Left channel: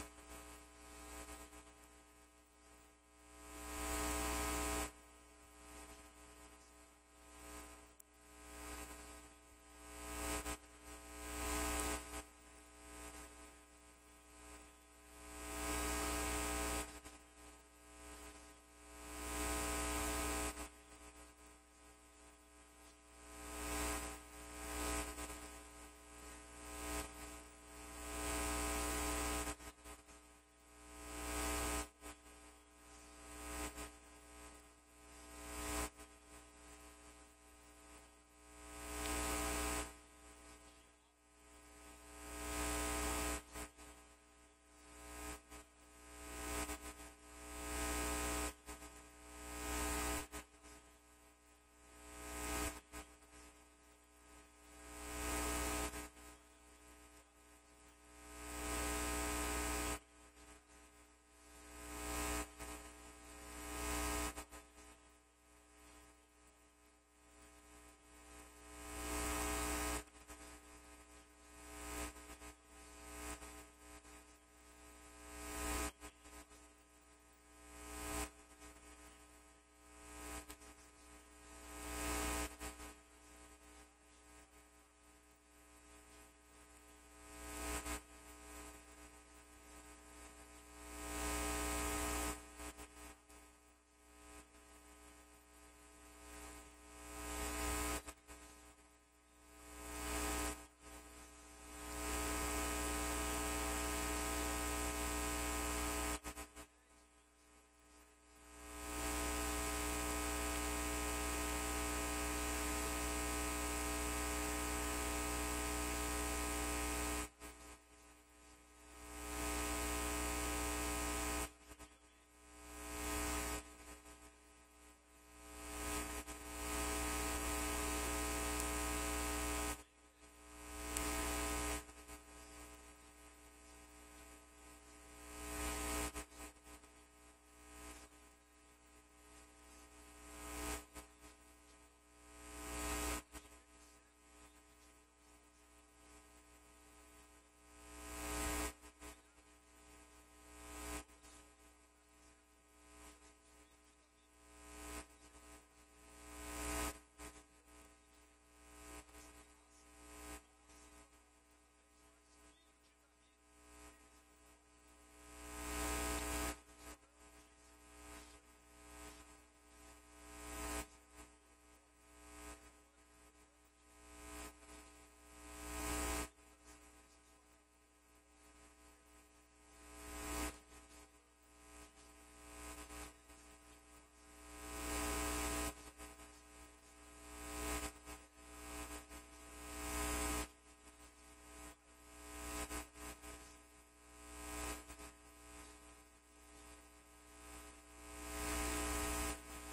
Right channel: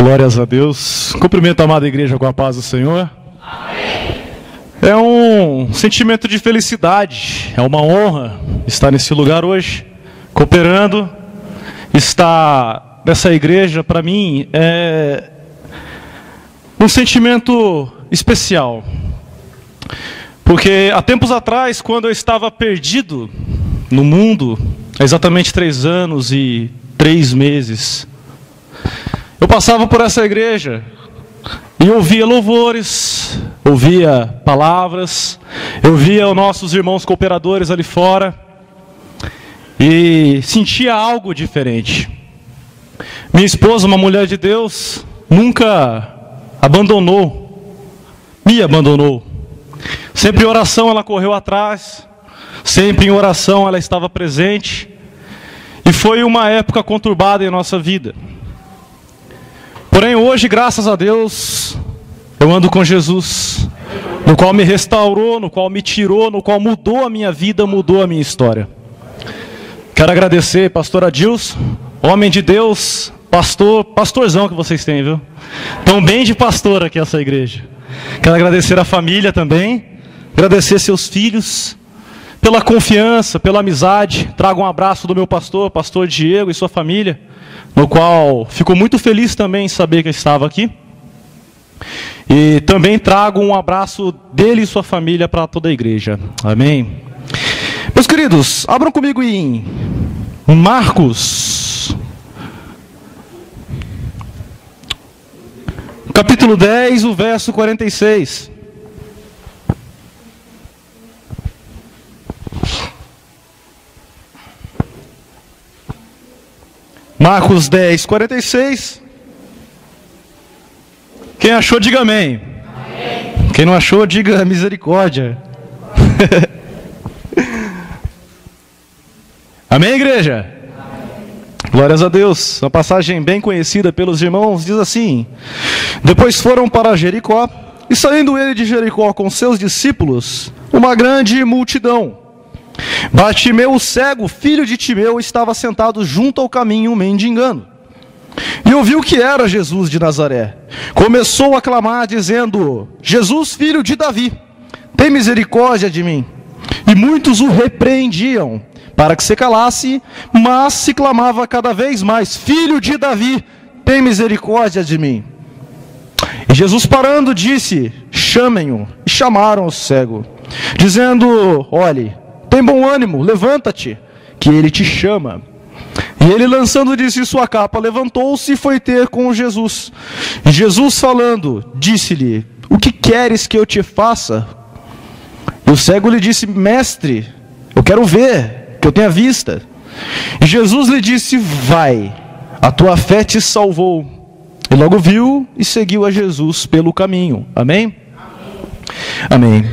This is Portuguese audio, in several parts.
Glórias a Deus. Cumprimento a amada igreja com a paz do Senhor. Amém. É um sentimento de felicidade, é uma honra estar nesse lugar hoje, cooperando. Estar nessa igreja, para mim, é um sentimento especial. Porque há tempos atrás, quando eu estava perdido no mundo, há exatamente 3 anos e 3 meses, eu passava por essa igreja e ouvia louvores, ouvia palavras, eu via os nossos irmãos cooperadores ali fora e sentia algo diferente. Minha esposa, uma mulher de Deus, nunca me abandonou. Sempre em oração ela correu atrás, sempre em oração ela estava presente, e foi uma época conturbada em nossa vida. Porém hoje, graças a Deus, eu ando com Jesus, no qual me restaurou, no qual me tirou, no qual mudou a minha vida, mudou a minha história. Quero agradecer pastor Adilson, homem de Deus, pastorzão que vocês têm, viu? Tão bem de pastor aqui essa igreja. Quero agradecer a família também, agradecer seus filhos, pela confiança, pela amizade. Trago um abraço do meu pastor Diego e sua família, no qual fico muito feliz também em saber que eu estava aqui. E também trago um abraço dele e sua família para toda a igreja. Amém. Meus queridos, abram comigo em Marcos, capítulo 10, o verso 46. Marcos 10, 46. Quem achou, diga amém. Amém. Quem não achou, diga misericórdia. Amém, igreja? Amém. Glórias a Deus. Uma passagem bem conhecida pelos irmãos diz assim: depois foram para Jericó, e saindo ele de Jericó com seus discípulos, uma grande multidão. Bartimeu, o cego, filho de Timeu, estava sentado junto ao caminho, mendigando. E ouviu que era Jesus de Nazaré. Começou a clamar, dizendo: Jesus, filho de Davi, tem misericórdia de mim. E muitos o repreendiam, para que se calasse, mas se clamava cada vez mais: Filho de Davi, tem misericórdia de mim. E Jesus, parando, disse: chamem-o. E chamaram o cego, dizendo: olhe, tem bom ânimo, levanta-te, que ele te chama. E ele, lançando de si sua capa, levantou-se e foi ter com Jesus. E Jesus, falando, disse-lhe: o que queres que eu te faça? E o cego lhe disse: mestre, eu quero ver, que eu tenha vista. E Jesus lhe disse: vai, a tua fé te salvou. E logo viu e seguiu a Jesus pelo caminho. Amém? Amém.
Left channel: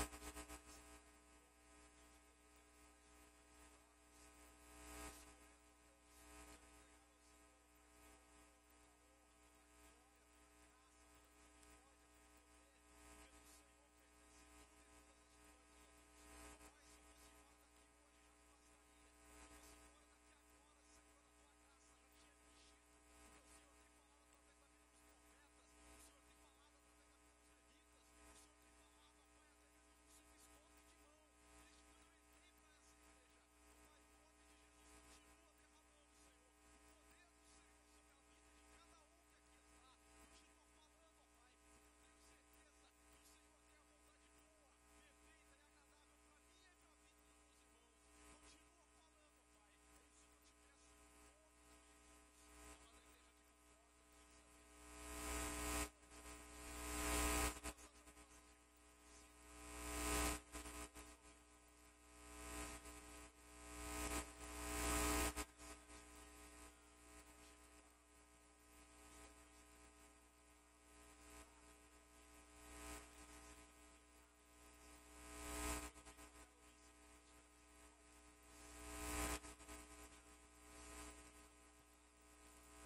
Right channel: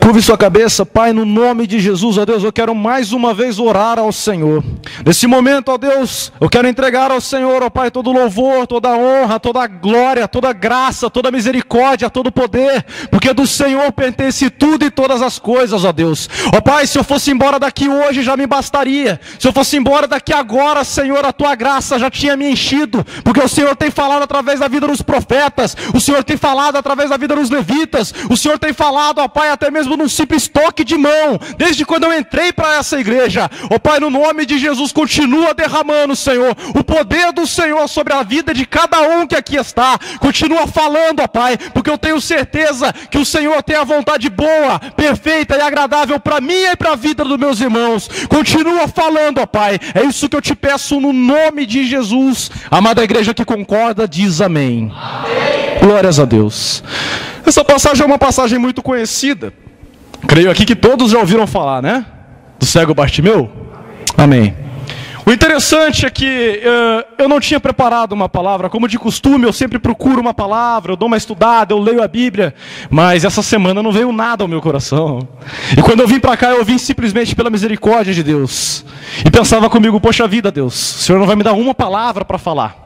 Curve sua cabeça. Pai, no nome de Jesus, ó Deus, eu quero mais uma vez orar ao Senhor. Nesse momento, ó Deus, eu quero entregar ao Senhor, ó Pai, todo louvor, toda honra, toda glória, toda graça, toda misericórdia, todo poder, porque do Senhor pertence tudo e todas as coisas, ó Deus. Ó Pai, se eu fosse embora daqui hoje já me bastaria. Se eu fosse embora daqui agora, Senhor, a tua graça já tinha me enchido, porque o Senhor tem falado através da vida dos profetas, o Senhor tem falado através da vida dos levitas, o Senhor tem falado, ó Pai, até mesmo num simples toque de mão, desde quando eu entrei para essa igreja. Ó Pai, no nome de Jesus, continua derramando, Senhor, o poder do Senhor sobre a vida de cada um que aqui está. Continua falando, ó Pai, porque eu tenho certeza que o Senhor tem a vontade boa, perfeita e agradável para mim e para a vida dos meus irmãos. Continua falando, ó Pai, é isso que eu te peço no nome de Jesus. Amada igreja que concorda, diz amém. Amém. Glórias a Deus. Essa passagem é uma passagem muito conhecida. Creio aqui que todos já ouviram falar, né? Do cego Bartimeu? Amém. O interessante é que eu não tinha preparado uma palavra. Como de costume, eu sempre procuro uma palavra, eu dou uma estudada, eu leio a Bíblia. Mas essa semana não veio nada ao meu coração. E quando eu vim para cá, eu vim simplesmente pela misericórdia de Deus. E pensava comigo: poxa vida, Deus, o Senhor não vai me dar uma palavra para falar.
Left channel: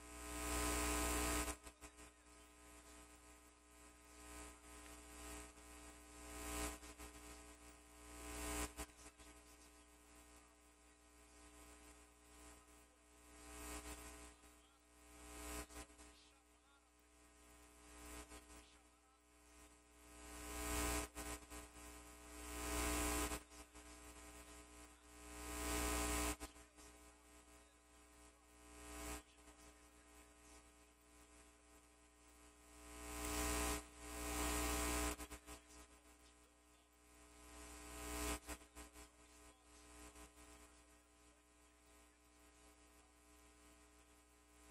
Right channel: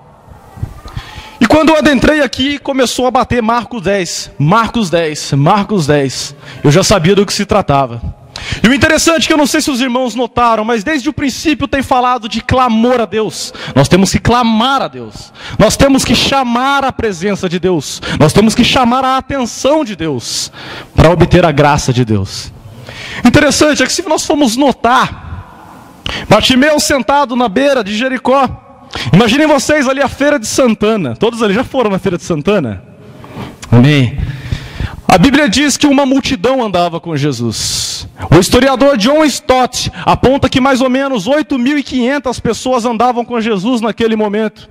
E quando eu adentrei aqui, começou a bater Marcos 10. Eu já sabia do que se tratava. E o interessante é que eu não sei se os irmãos notaram, mas desde o princípio tem falado de clamor a Deus. Nós temos que clamar a Deus. Nós temos que chamar a presença de Deus. Nós temos que chamar a atenção de Deus para obter a graça de Deus. Interessante é que se nós formos notar, Bartimeu sentado na beira de Jericó. Imaginem vocês ali a Feira de Santana. Todos ali já foram na Feira de Santana? Amém. A Bíblia diz que uma multidão andava com Jesus. O historiador John Stott aponta que mais ou menos 8.500 pessoas andavam com Jesus naquele momento.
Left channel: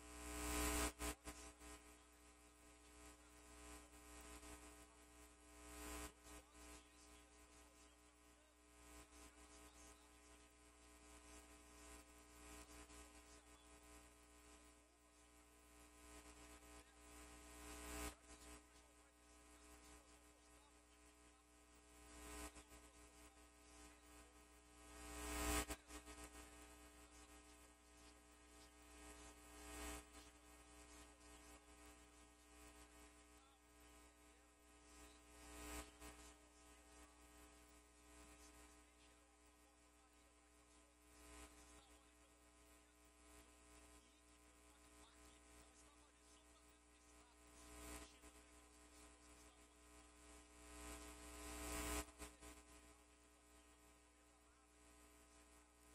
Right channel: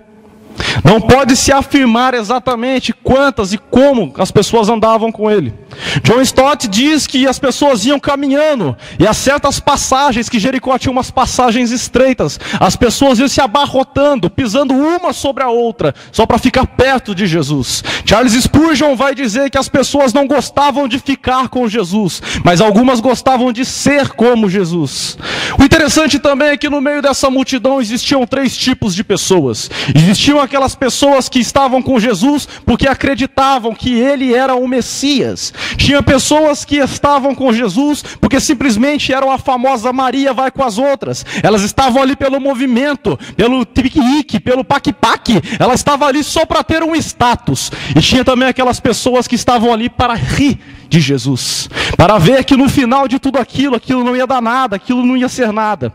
Não pode se afirmar exatamente quantas e como as pessoas andavam com ele. John Stott diz que as pessoas iam caminhando, e há certas passagens, que Jericó tinha umas passagens estreitas, as pessoas iam se abarrotando, pisando uma sobre a outra, só para ficar perto de Jesus. Charles Spurgeon vai dizer que as pessoas não gostavam de ficar com Jesus, mas algumas gostavam de ser como Jesus. O interessante também é que no meio dessa multidão existiam 3 tipos de pessoas. Existiam aquelas pessoas que estavam com Jesus porque acreditavam que ele era o Messias. Tinha pessoas que estavam com Jesus porque simplesmente eram a famosa Maria vai com as outras. Elas estavam ali pelo movimento, pelo piquenique, pelo paque-paque. Ela estava ali só para ter um status. E tinha também aquelas pessoas que estavam ali para rir de Jesus, para ver que no final de tudo aquilo não ia dar nada, aquilo não ia ser nada.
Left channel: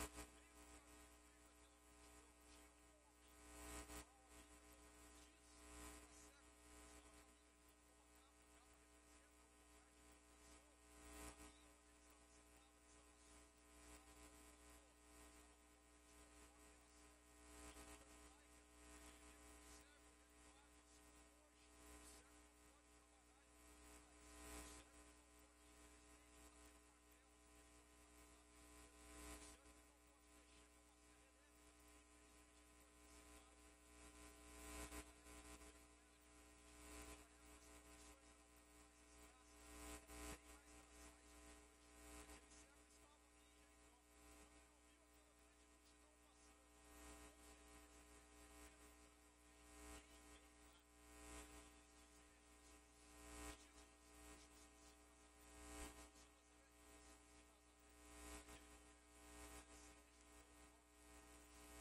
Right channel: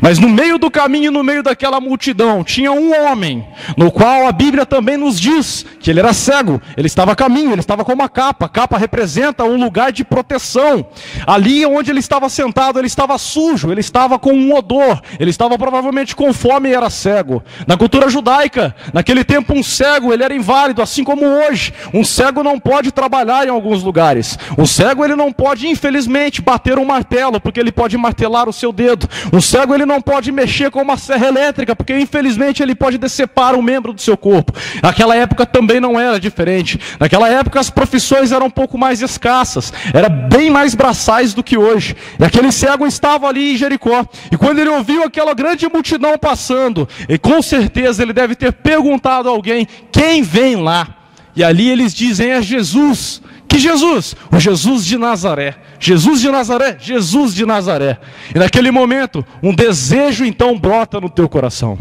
Mas no meio do caminho, no meio daquela multidão, tinha um homem, no qual a Bíblia também nos diz que ele era cego. Ele estava a caminho, ele estava com uma capa. A capa representa um lugar de proteção. Ali onde ele estava sentado, ele estava sujo, ele estava com um odor, ele estava provavelmente com fome e era cego. Na cultura judaica, naquele tempo um cego, ele era inválido, assim como hoje. Um cego não pode trabalhar em alguns lugares. Um cego, ele não pode, infelizmente, bater um martelo, porque ele pode martelar o seu dedo. Um cego, ele não pode mexer com uma serra elétrica, porque infelizmente ele pode decepar um membro do seu corpo. Naquela época também não era diferente. Naquela época as profissões eram um pouco mais escassas, era bem mais braçais do que hoje. E aquele cego estava ali em Jericó, e quando ele ouviu aquela grande multidão passando, e com certeza ele deve ter perguntado a alguém: quem vem lá? E ali eles dizem: é Jesus. Que Jesus? O Jesus de Nazaré. Jesus de Nazaré, Jesus de Nazaré. E naquele momento, um desejo então brota no teu coração.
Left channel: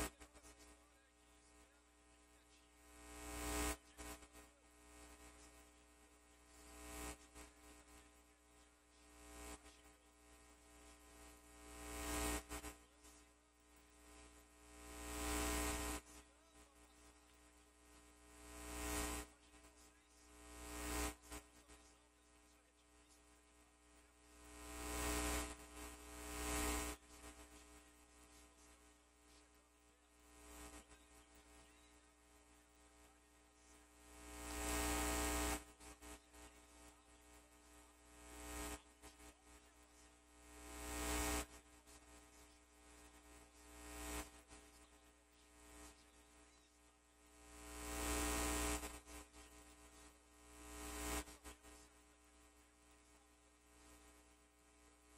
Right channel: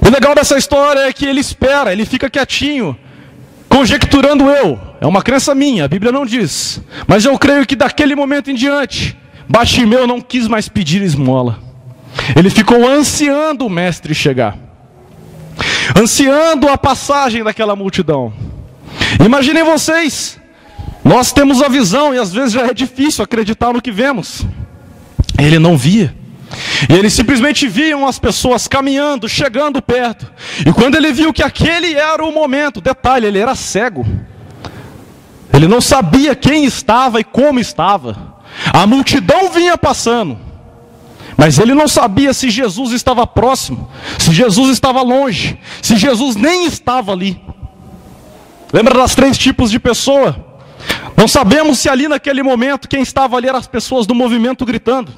O legal dessa história é que ele espera, ele fica quietinho, conjecturando eu. É uma crença minha, a Bíblia não diz. Mas eu creio que daquele momento em diante, Bartimeu não quis mais pedir esmola. Ele ficou ansiando o mestre chegar, ansiando a passagem daquela multidão. Imaginem vocês, nós temos a visão e às vezes já é difícil acreditar no que vemos. Ele não via. E ele simplesmente via as pessoas caminhando, chegando perto. E quando ele viu que aquele era o momento, detalhe, ele era cego. Ele não sabia quem estava e como estava. A multidão vinha passando, mas ele não sabia se Jesus estava próximo, se Jesus estava longe, se Jesus nem estava ali. Lembra das 3 tipos de pessoa? Não sabemos se ali naquele momento quem estava ali eram as pessoas do movimento gritando.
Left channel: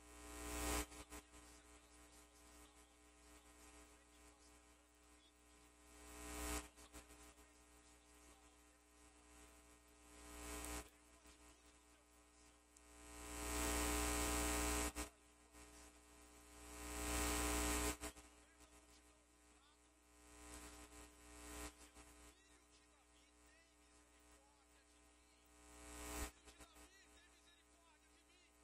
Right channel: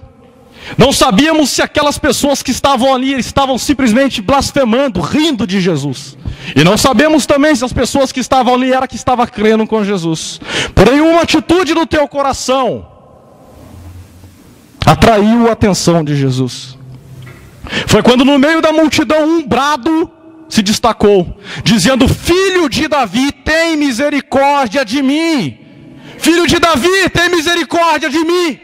Não sabíamos se aquelas pessoas que estavam ali estavam simplesmente blasfemando, rindo de Jesus. E não sabemos também se as pessoas que estavam ali eram que estavam crendo com Jesus. Porém, uma atitude do teu coração atraiu a atenção de Jesus. Foi quando no meio da multidão um brado se destacou, dizendo: filho de Davi, tem misericórdia de mim. Filho de Davi, tem misericórdia de mim.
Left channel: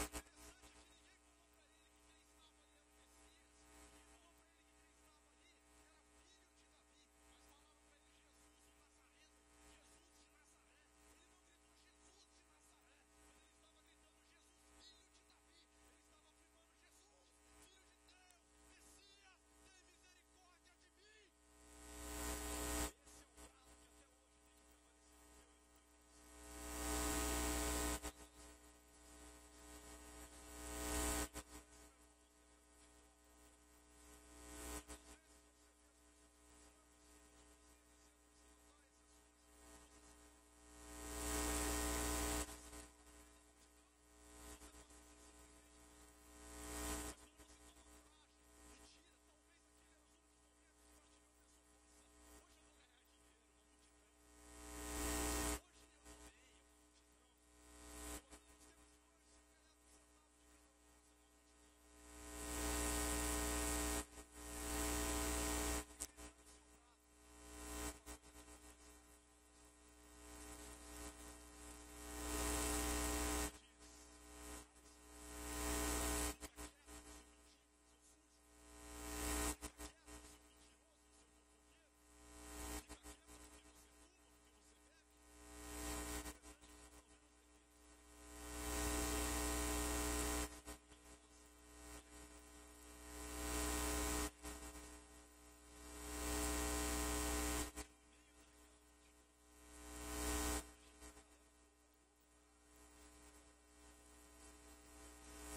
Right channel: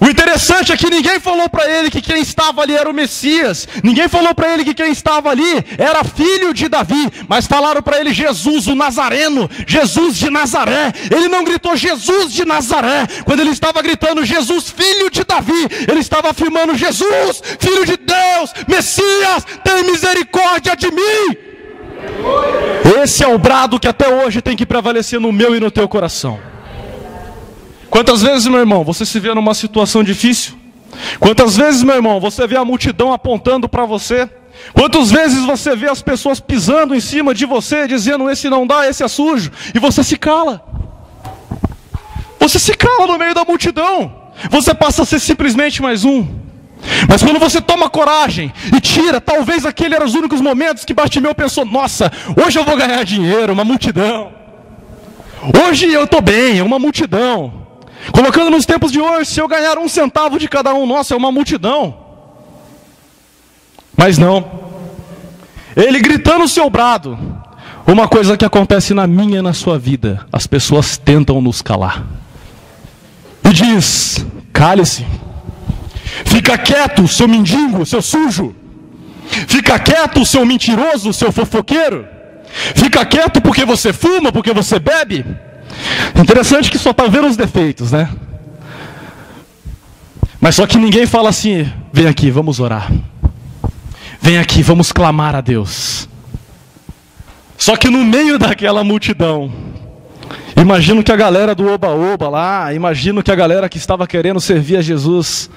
O interessante é que ninguém falou para ele que quem estava ali era o Messias. Ninguém falou para ele que quem estava ali era filho de Davi. Mas falaram para ele Jesus, o Nazareno, Jesus de Nazaré. Ele não gritou Jesus de Nazaré. Quando ele estava gritando Jesus, filho de Davi, ele estava afirmando: Jesus, filho de Deus, Messias, tem misericórdia de mim. Esse é o brado que até hoje tem que prevalecer no meu e no teu coração. Quantas vezes, meu irmão, você se vê numa situação difícil? Quantas vezes, meu irmão, você vê a multidão apontando para você? Quantas vezes você vê as pessoas pisando em cima de você, dizendo: esse não dá, esse é sujo, e você se cala? Você se cala no meio da multidão. Você passa a ser simplesmente mais um. Mas quando você toma coragem e tira, talvez aquele eram os únicos momentos que Bartimeu pensou: nossa, hoje eu vou ganhar dinheiro, uma multidão. Hoje eu estou bem, uma multidão. Colocando nos tempos de hoje, se eu ganhar 1 centavo de cada um, nossa, é uma multidão. Mas não. Ele gritando o seu brado. Uma coisa que acontece na minha e na sua vida, as pessoas tentam nos calar. E diz: cale-se. Fica quieto, seu mendigo, seu sujo. Fica quieto, seu mentiroso, seu fofoqueiro. Fica quieto porque você fuma, porque você bebe. Interessante que só está vendo os defeitos, né? Mas só que ninguém fala assim: vem aqui, vamos orar. Vem aqui, vamos clamar a Deus. Só que no meio daquela multidão, imagino que a galera do oba-oba lá, imagino que a galera que estava querendo servir a Jesus,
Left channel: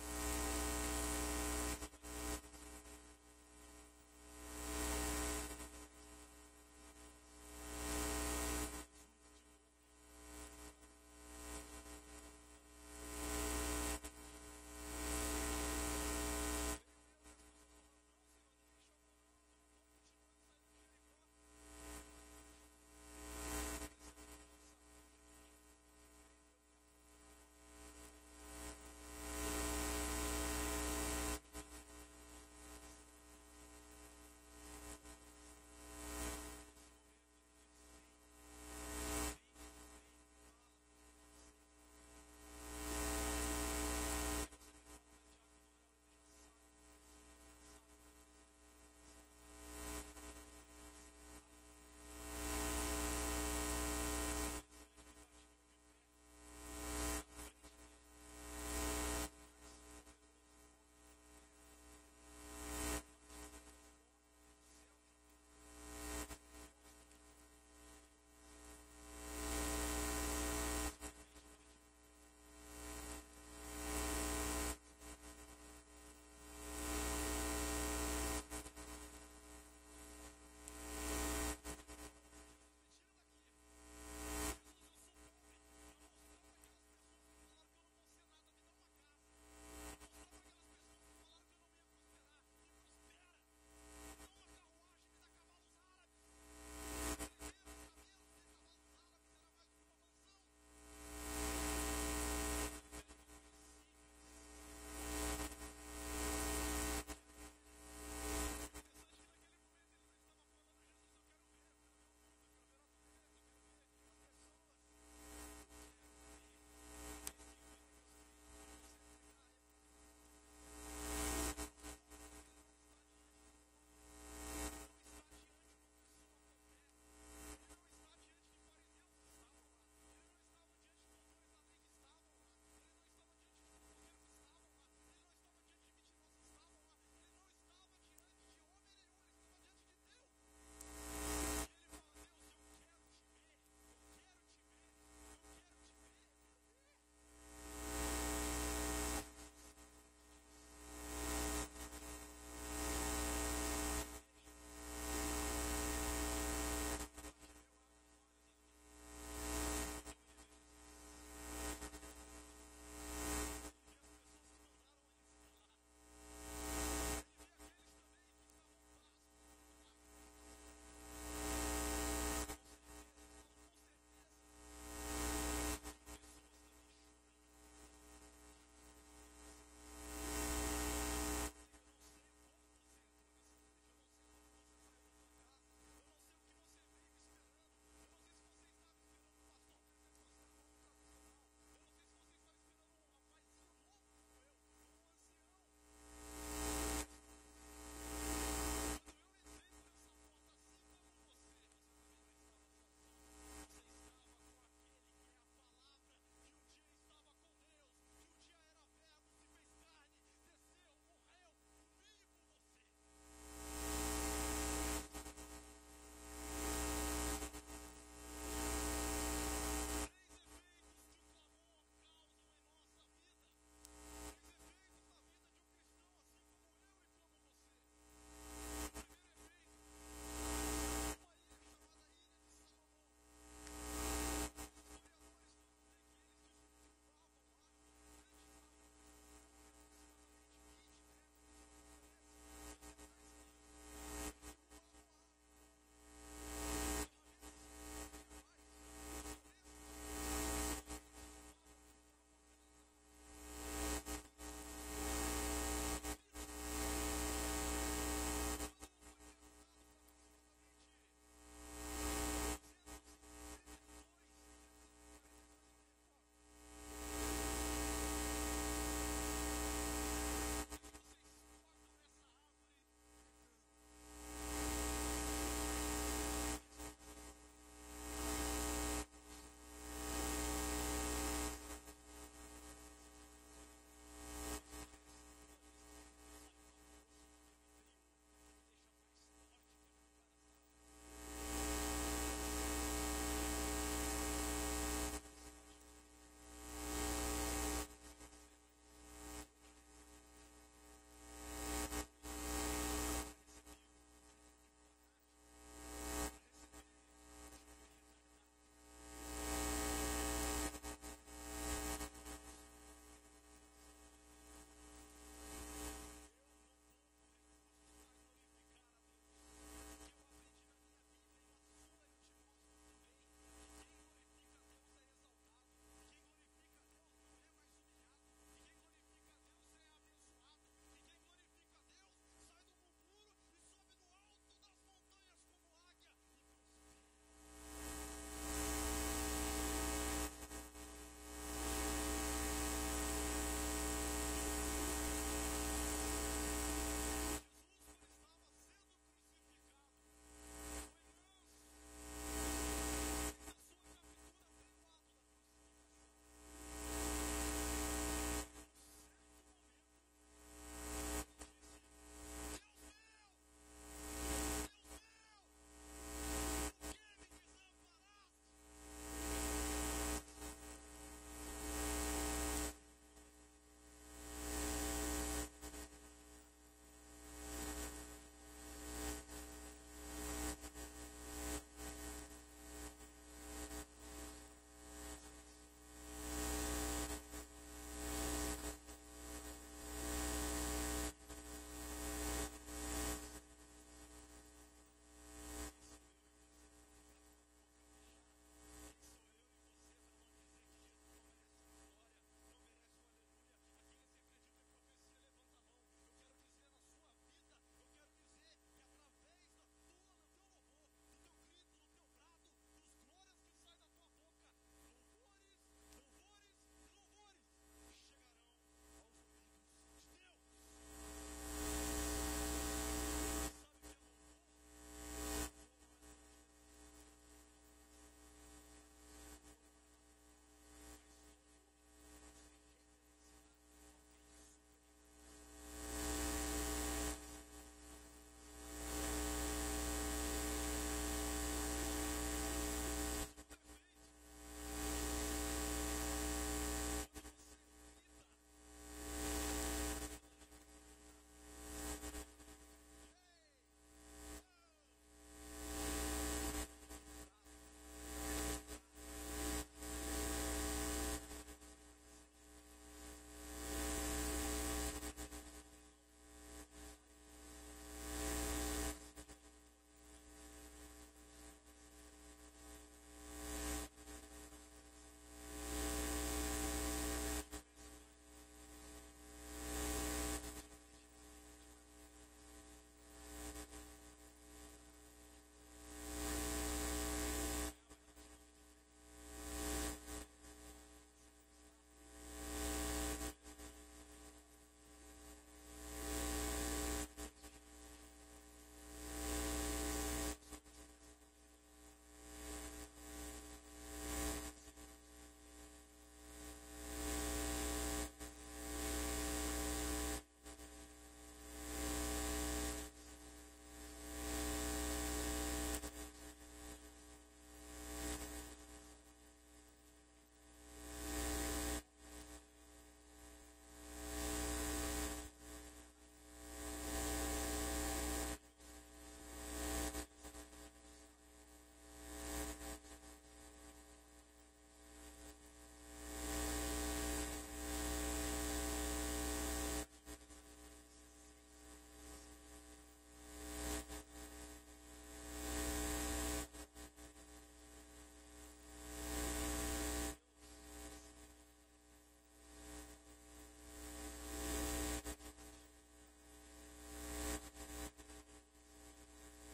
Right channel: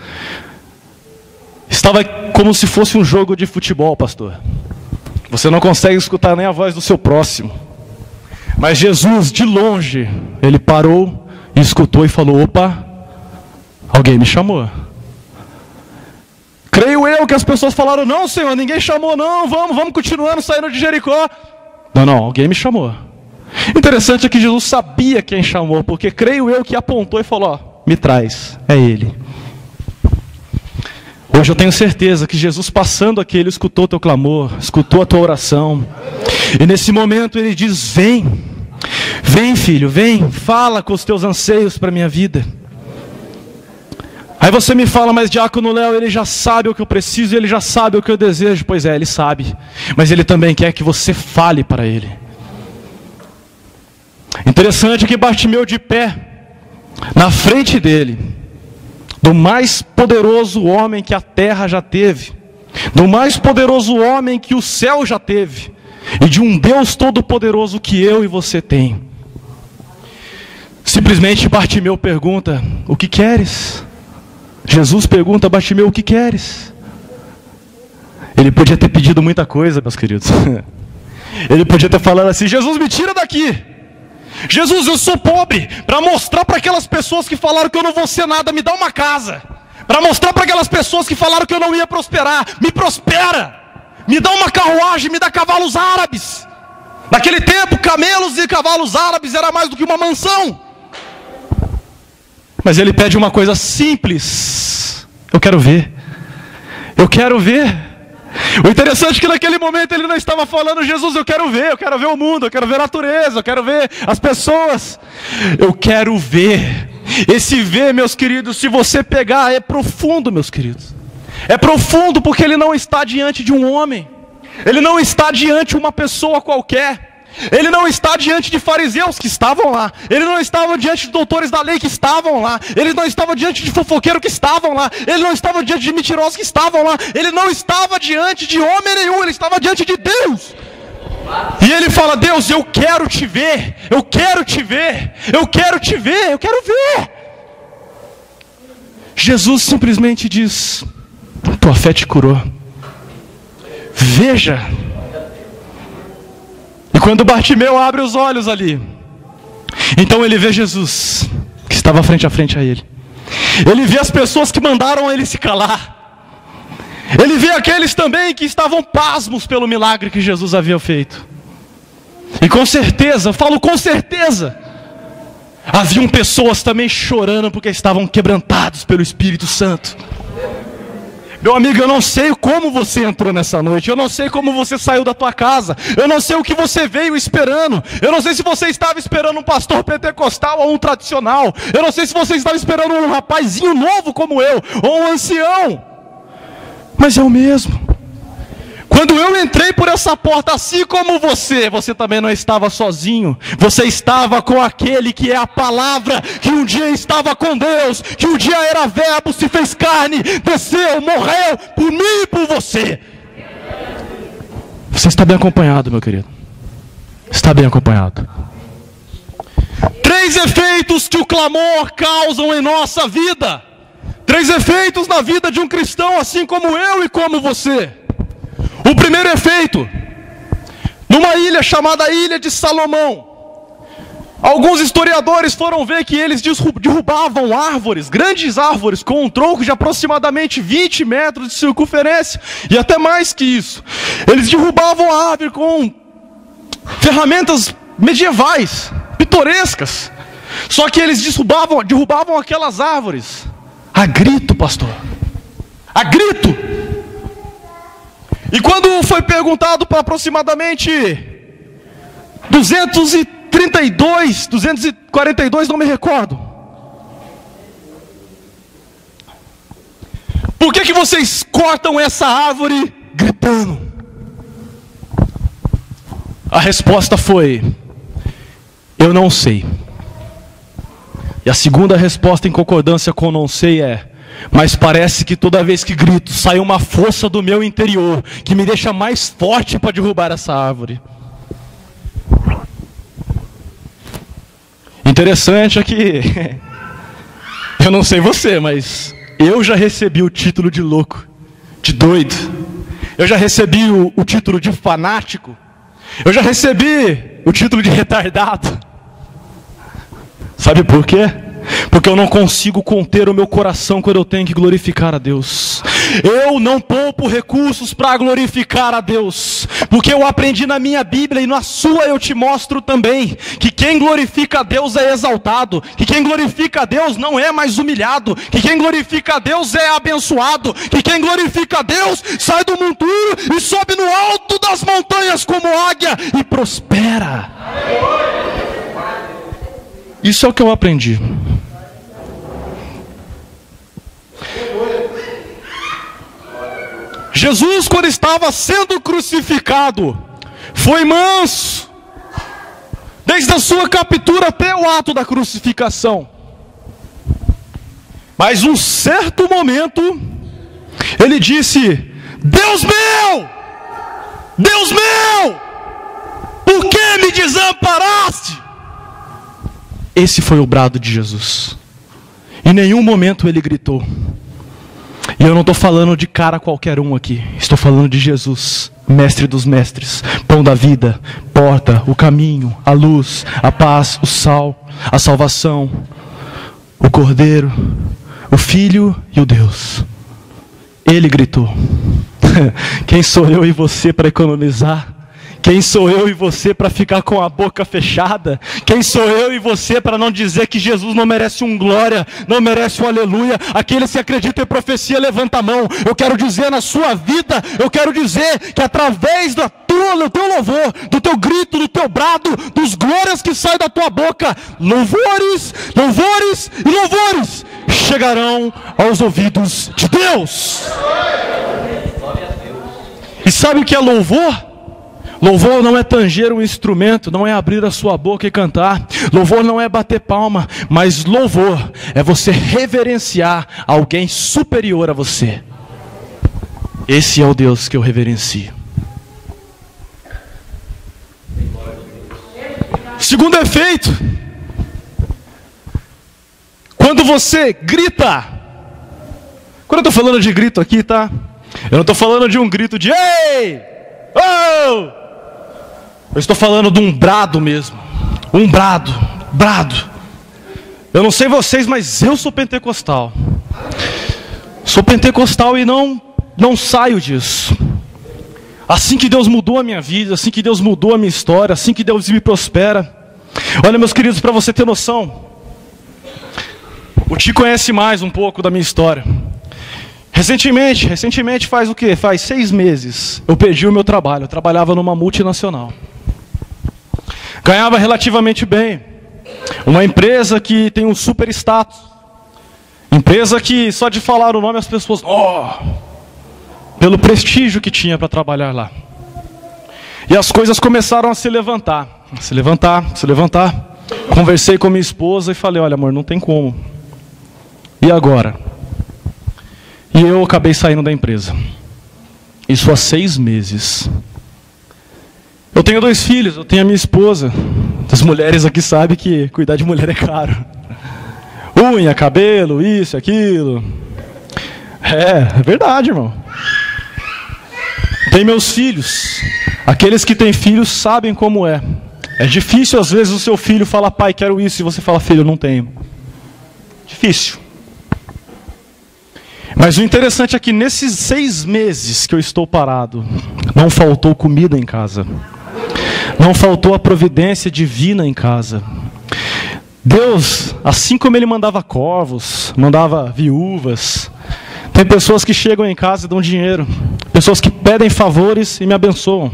estava como se fosse um jogo de futebol, pastor. Você não consegue escutar nem a voz do seu próximo. Mas Jesus, de longe, ele parou e escutou e falou: opa, alguém me chamou. Creio eu que as pessoas falaram: não, Senhor, ninguém chamou não, vamos continuando saindo de Jericó. Não, alguém me chamou. Interessante é que Jesus sabia quem chamou, porque creio eu que apontou e falou: ó, me traz, é ele. Hoje eu tenho certeza que Jesus, passando aqui, ele escutou teu clamor, escutou a tua oração. E nesse momento ele diz: vem, vem filho, vem, fala com os teus anseios para a minha vida. Aí você me fala: mas diácono Léo, ele já sabe o que eu preciso, ele já sabe o que eu desejo. Pois é, ele sabe, mas ele também quer que você fale para ele. Interessante que Bartimeu, de pé na frente dele, do mais poderoso homem que a terra já teve, do mais poderoso homem que o céu já teve, e de um Deus todo-poderoso que eu e você tem, simplesmente Bartimeu pergunta: o que queres? Jesus pergunta a Bartimeu: o que queres? Ele podia ter pedido muita coisa, meus queridos. Ele podia ter falado assim: Jesus, me tira daqui. Jesus, eu sou pobre, para mostrar para aquelas pessoas que falaram que eu não vou ser nada, me dá uma casa. Para mostrar para aquelas pessoas que falaram que eu não ia prosperar, me prospera. Me dá uma carruagem, me dá cavalos árabes. Naquele tempo, camelos e cavalos árabes era mais do que uma mansão. Mas ele pede uma coisa simples: eu quero ver. Eu quero ver. O interessante é que naquele momento ele não estava falando: Jesus, eu quero ver o mundo, eu quero ver a natureza, eu quero ver as pessoas. Eu quero ver. Esse ver, meus queridos, se você pegar, é profundo, meus queridos. É profundo porque ele não está diante de um homem. Ele não está diante de uma pessoa qualquer. Ele não está diante de fariseus que estavam lá. Ele não estava diante de doutores da lei que estavam lá. Ele não estava diante de fofoqueiros que estavam lá. Ele não estava diante de mentirosos que estavam lá. Ele não estava diante de homem nenhum. Ele estava diante de Deus. E ele fala: Deus, eu quero te ver. Eu quero te ver. Eu quero te ver. Eu quero ver. Jesus simplesmente diz: tua fé te curou. Veja. E quando Bartimeu abre os olhos ali, então ele vê Jesus, que estava frente a frente a ele. Ele vê as pessoas que mandaram ele se calar. Ele vê aqueles também que estavam pasmos pelo milagre que Jesus havia feito. E com certeza, falo com certeza, haviam pessoas também chorando porque estavam quebrantados pelo Espírito Santo. Meu amigo, eu não sei como você entrou nessa noite. Eu não sei como você saiu da tua casa. Eu não sei o que você veio esperando. Eu não sei se você estava esperando um pastor pentecostal ou um tradicional. Eu não sei se você estava esperando um rapazinho novo como eu, ou um ancião. Mas é o mesmo. Quando eu entrei por essa porta, assim como você também não estava sozinho. Você estava com aquele que é a palavra, que um dia estava com Deus, que um dia era verbo, se fez carne, desceu, morreu por mim e por você. Você está bem acompanhado, meu querido. Está bem acompanhado. 3 efeitos que o clamor causam em nossa vida. 3 efeitos na vida de um cristão, assim como eu e como você. O primeiro efeito: numa ilha chamada Ilha de Salomão, alguns historiadores foram ver que eles derrubavam árvores, grandes árvores, com um tronco de aproximadamente 20 metros de circunferência, e até mais que isso. Eles derrubavam a árvore com ferramentas medievais, pitorescas. Só que eles derrubavam aquelas árvores a grito, pastor, a grito. E quando foi perguntado para aproximadamente 242, não me recordo, por que vocês cortam essa árvore gritando? A resposta foi: eu não sei. E a segunda resposta em concordância com não sei é: mas parece que toda vez que grito, sai uma força do meu interior, que me deixa mais forte para derrubar essa árvore. Interessante é que, eu não sei você, mas eu já recebi o título de louco, de doido. Eu já recebi o título de fanático. Eu já recebi o título de retardado. Sabe por quê? Porque eu não consigo conter o meu coração quando eu tenho que glorificar a Deus. Eu não poupo recursos para glorificar a Deus, porque eu aprendi na minha Bíblia e na sua eu te mostro também, que quem glorifica a Deus é exaltado, que quem glorifica a Deus não é mais humilhado, que quem glorifica a Deus é abençoado, que quem glorifica a Deus sai do monturo e sobe no alto das montanhas como águia e prospera. Isso é o que eu aprendi. Jesus, quando estava sendo crucificado, foi manso, desde a sua captura até o ato da crucificação. Mas um certo momento, ele disse: Deus meu, por que me desamparaste? Esse foi o brado de Jesus. Em nenhum momento ele gritou. E eu não estou falando de cara qualquer um aqui. Estou falando de Jesus, mestre dos mestres, pão da vida, porta, o caminho, a luz, a paz, o sal, a salvação, o Cordeiro, o Filho e o Deus. Ele gritou. Quem sou eu e você para economizar? Quem sou eu e você para ficar com a boca fechada? Quem sou eu e você para não dizer que Jesus não merece um glória, não merece um aleluia? Aquele que acredita em profecia, levanta a mão. Eu quero dizer na sua vida, eu quero dizer que através do teu louvor, do teu grito, do teu brado, dos glórias que saem da tua boca, louvores, louvores e louvores chegarão aos ouvidos de Deus. E sabe o que é louvor? Louvor não é tanger um instrumento, não é abrir a sua boca e cantar. Louvor não é bater palma, mas louvor é você reverenciar alguém superior a você. Esse é o Deus que eu reverencio. Segundo efeito, quando você grita, quando eu estou falando de grito aqui, tá? Eu não estou falando de um grito de ei, oh! Eu estou falando de um brado mesmo. Um brado. Eu não sei vocês, mas eu sou pentecostal. Sou pentecostal e não saio disso. Assim que Deus mudou a minha vida, assim que Deus mudou a minha história, assim que Deus me prospera. Olha, meus queridos, para você ter noção, o Ti conhece mais um pouco da minha história. Recentemente faz o quê? Faz 6 meses eu perdi o meu trabalho. Eu trabalhava numa multinacional. Ganhava relativamente bem. Uma empresa que tem um super status. Empresa que só de falar o nome as pessoas... pelo prestígio que tinha para trabalhar lá. E as coisas começaram a se levantar. Se levantar. Conversei com minha esposa e falei: olha, amor, não tem como. E agora? E eu acabei saindo da empresa. Isso há 6 meses. Eu tenho 2 filhos, eu tenho a minha esposa. As mulheres aqui sabem que cuidar de mulher é caro. Unha, cabelo, isso, aquilo. É verdade, irmão. Tem meus filhos. Aqueles que têm filhos sabem como é. É difícil às vezes o seu filho falar: pai, quero isso, e você fala: filho, eu não tenho. Difícil. Mas o interessante é que nesses 6 meses que eu estou parado, não faltou comida em casa. Não faltou a providência divina em casa. Deus, assim como Ele mandava corvos, mandava viúvas, tem pessoas que chegam em casa e dão dinheiro, pessoas que pedem favores e me abençoam.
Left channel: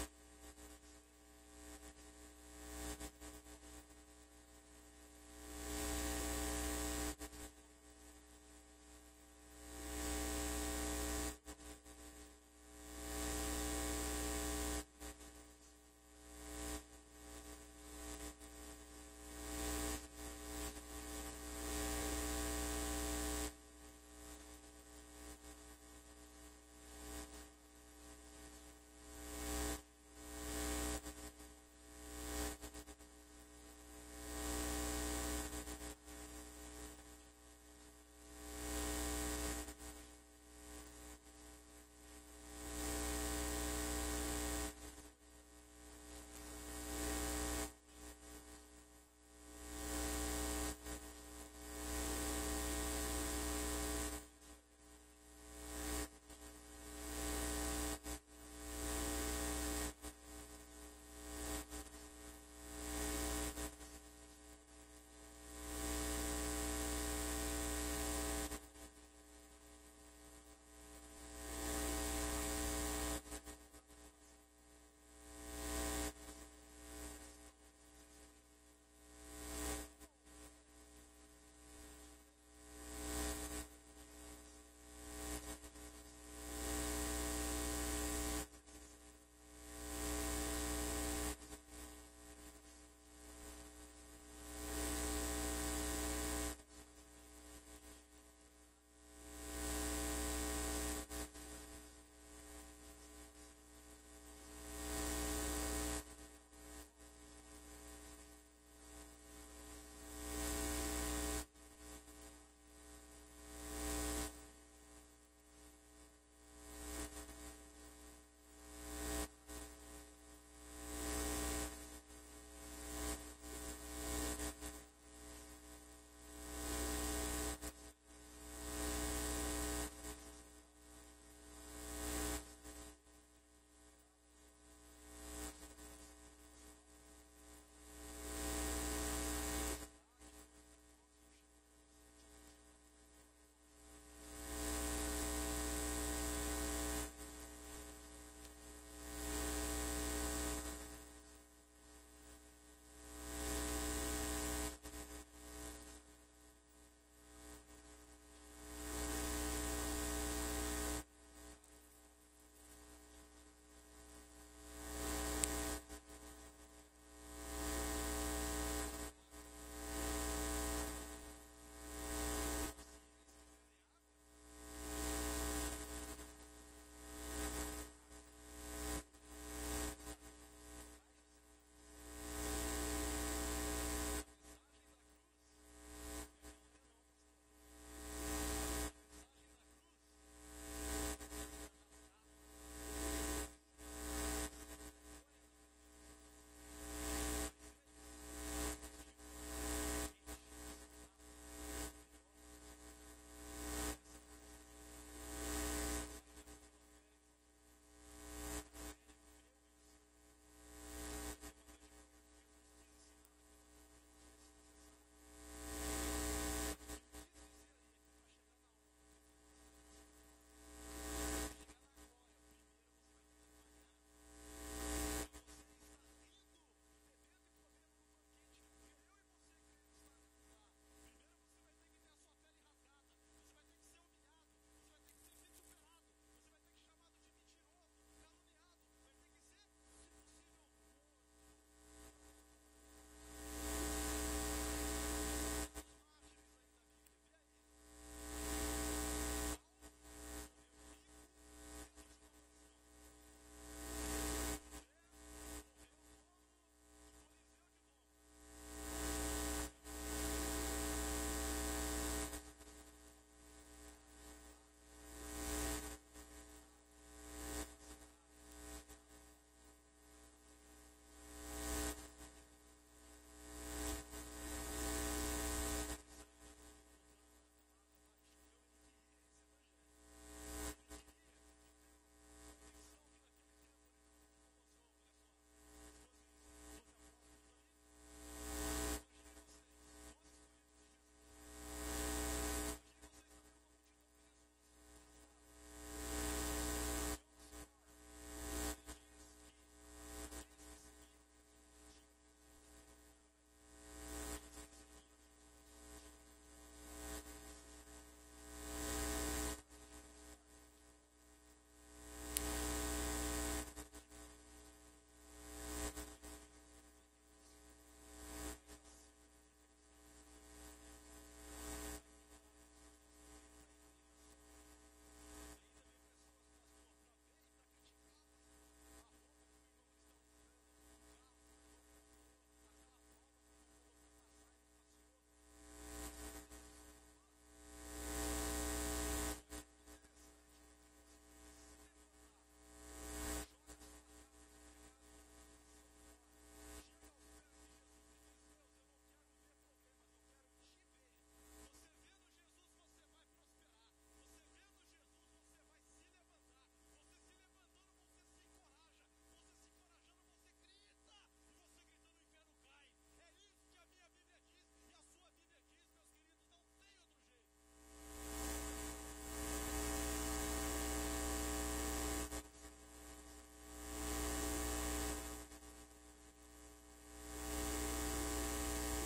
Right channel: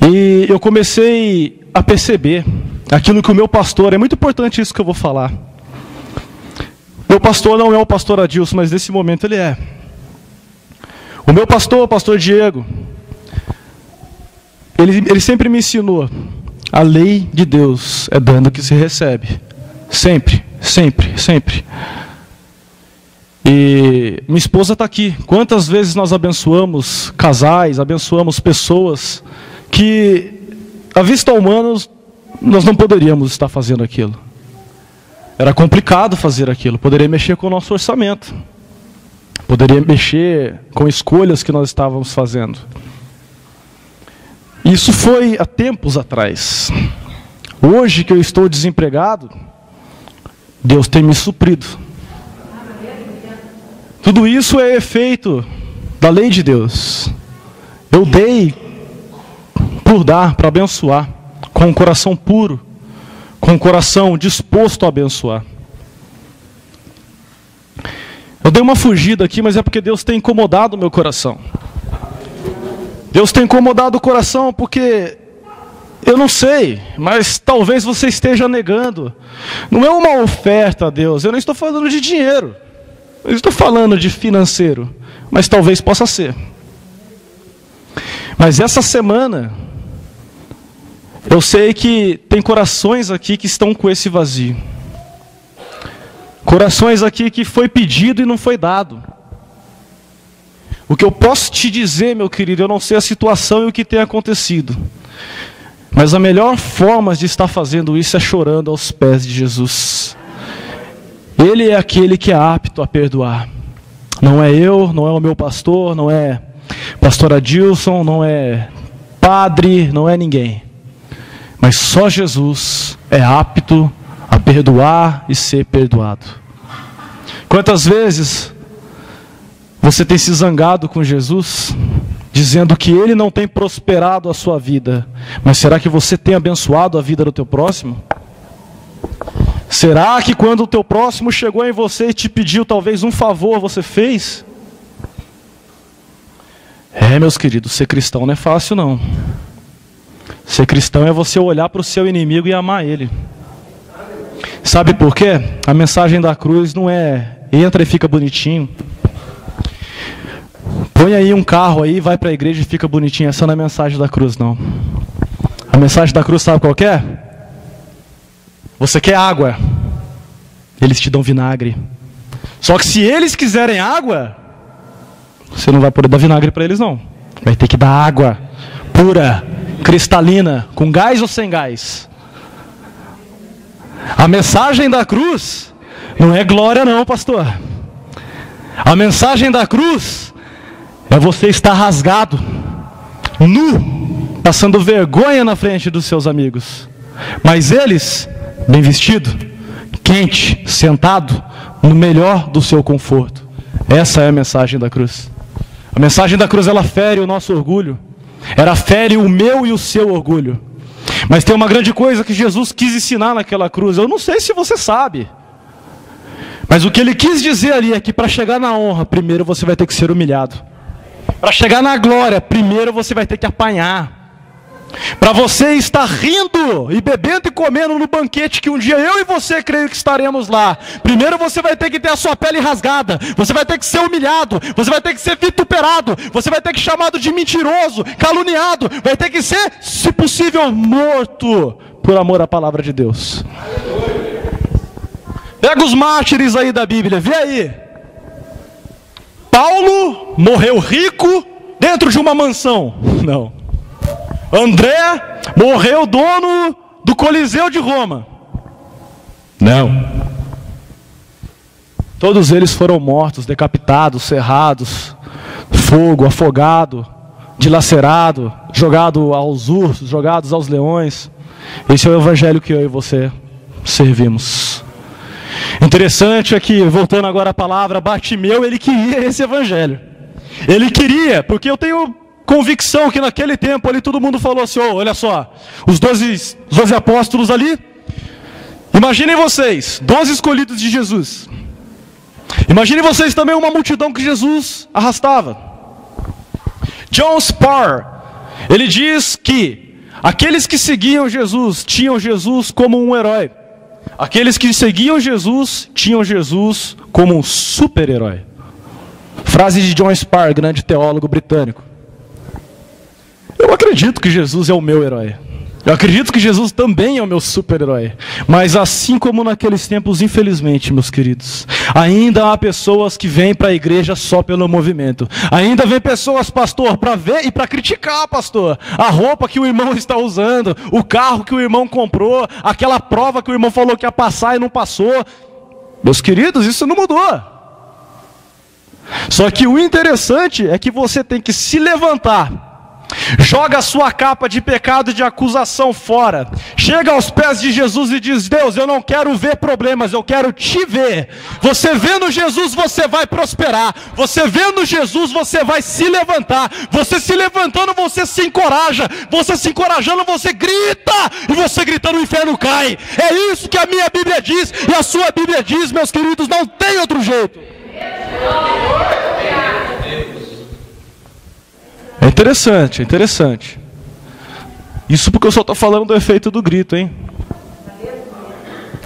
E eu comecei a perceber aquilo que o meu pastor, é muito importante isso que eu vou falar. Meu pastor não é o pastor Adilson, mas nesse momento ele é. O meu pastor, o pastor Diego, ele sempre me ensinou: a lei de Deus é dando que se recebe. Sempre, sempre, sempre. E minha esposa está aqui. Quantas vezes nós abençoamos casais, abençoamos pessoas que, à vista humana, nós não poderíamos estar fazendo aquilo. Era complicado fazer aquilo. Poderia mexer com o nosso orçamento. Poderia mexer com escolhas que nós estávamos fazendo. Isso foi há tempos atrás. Hoje que eu estou desempregado, Deus tem me suprido. Tudo isso é efeito da lei de Deus. Eu dei por dar, para abençoar, com um coração puro, com um coração disposto a abençoar. Eu dei uma fugida aqui, mas é porque Deus tem incomodado o meu coração. Deus tem incomodado o coração porque, eu não sei, mas talvez você esteja negando. Não é uma oferta a Deus, eu não estou falando de dinheiro, eu estou falando de financeiro, mas talvez possa ser. Mas essa semana, eu sei que tem corações aqui que estão com esse vazio. Corações aqui que foi pedido e não foi dado. O que eu posso te dizer, meu querido, eu não sei a situação e o que tem acontecido. Mas a melhor forma de estar fazendo isso é chorando aos pés de Jesus. Ele é aquele que é apto a perdoar. Não é eu, não é o meu pastor, não é pastor Adilson, não é padre, não é ninguém. Mas só Jesus é apto a perdoar e ser perdoado. Quantas vezes você tem se zangado com Jesus, dizendo que Ele não tem prosperado a sua vida, mas será que você tem abençoado a vida do teu próximo? Será que quando o teu próximo chegou em você e te pediu talvez um favor, você fez? Meus queridos, ser cristão não é fácil não. Ser cristão é você olhar para o seu inimigo e amar ele. Sabe por quê? A mensagem da cruz não é entra e fica bonitinho. Põe aí um carro aí, vai para a igreja e fica bonitinho. Essa não é a mensagem da cruz, não. A mensagem da cruz sabe qual que é? Você quer água, eles te dão vinagre. Só que se eles quiserem água, você não vai poder dar vinagre para eles não. Vai ter que dar água pura, cristalina, com gás ou sem gás. A mensagem da cruz não é glória não, pastor. A mensagem da cruz é você estar rasgado, nu, passando vergonha na frente dos seus amigos. Mas eles, bem vestido, quente, sentado, no melhor do seu conforto. Essa é a mensagem da cruz. A mensagem da cruz, ela fere o nosso orgulho. Ela fere o meu e o seu orgulho. Mas tem uma grande coisa que Jesus quis ensinar naquela cruz. Eu não sei se você sabe. Mas o que ele quis dizer ali é que para chegar na honra, primeiro você vai ter que ser humilhado. Para chegar na glória, primeiro você vai ter que apanhar. Para você estar rindo e bebendo e comendo no banquete que um dia eu e você creio que estaremos lá, primeiro você vai ter que ter a sua pele rasgada, você vai ter que ser humilhado, você vai ter que ser vituperado, você vai ter que ser chamado de mentiroso, caluniado, vai ter que ser, se possível, morto por amor à palavra de Deus. Pega os mártires aí da Bíblia, vê aí. Paulo morreu rico dentro de uma mansão. Não. André morreu dono do Coliseu de Roma. Não. Todos eles foram mortos, decapitados, serrados, fogo, afogado, dilacerado, jogado aos ursos, jogados aos leões. Esse é o evangelho que eu e você servimos. Interessante é que, voltando agora à palavra, Bartimeu, ele queria esse evangelho. Ele queria, porque eu tenho convicção que naquele tempo ali todo mundo falou assim, olha só, os 12 apóstolos ali, Imaginem vocês, 12 escolhidos de Jesus. Imaginem vocês também uma multidão que Jesus arrastava. John Spar, ele diz que aqueles que seguiam Jesus tinham Jesus como um herói. Aqueles que seguiam Jesus tinham Jesus como um super-herói. Frase de John Spar, grande teólogo britânico. Eu acredito que Jesus é o meu herói. Eu acredito que Jesus também é o meu super-herói. Mas assim como naqueles tempos, infelizmente, meus queridos, ainda há pessoas que vêm para a igreja só pelo movimento. Ainda vem pessoas, pastor, para ver e para criticar, pastor, a roupa que o irmão está usando, o carro que o irmão comprou, aquela prova que o irmão falou que ia passar e não passou. Meus queridos, isso não mudou. Só que o interessante é que você tem que se levantar, joga a sua capa de pecado e de acusação fora, chega aos pés de Jesus e diz: Deus, eu não quero ver problemas, eu quero te ver. Você vendo Jesus, você vai prosperar. Você vendo Jesus, você vai se levantar. Você se levantando, você se encoraja. Você se encorajando, você grita. E você gritando, o inferno cai. É isso que a minha Bíblia diz e a sua Bíblia diz, meus queridos, não tem outro jeito. É interessante, é interessante. Isso porque eu só estou falando do efeito do grito, hein?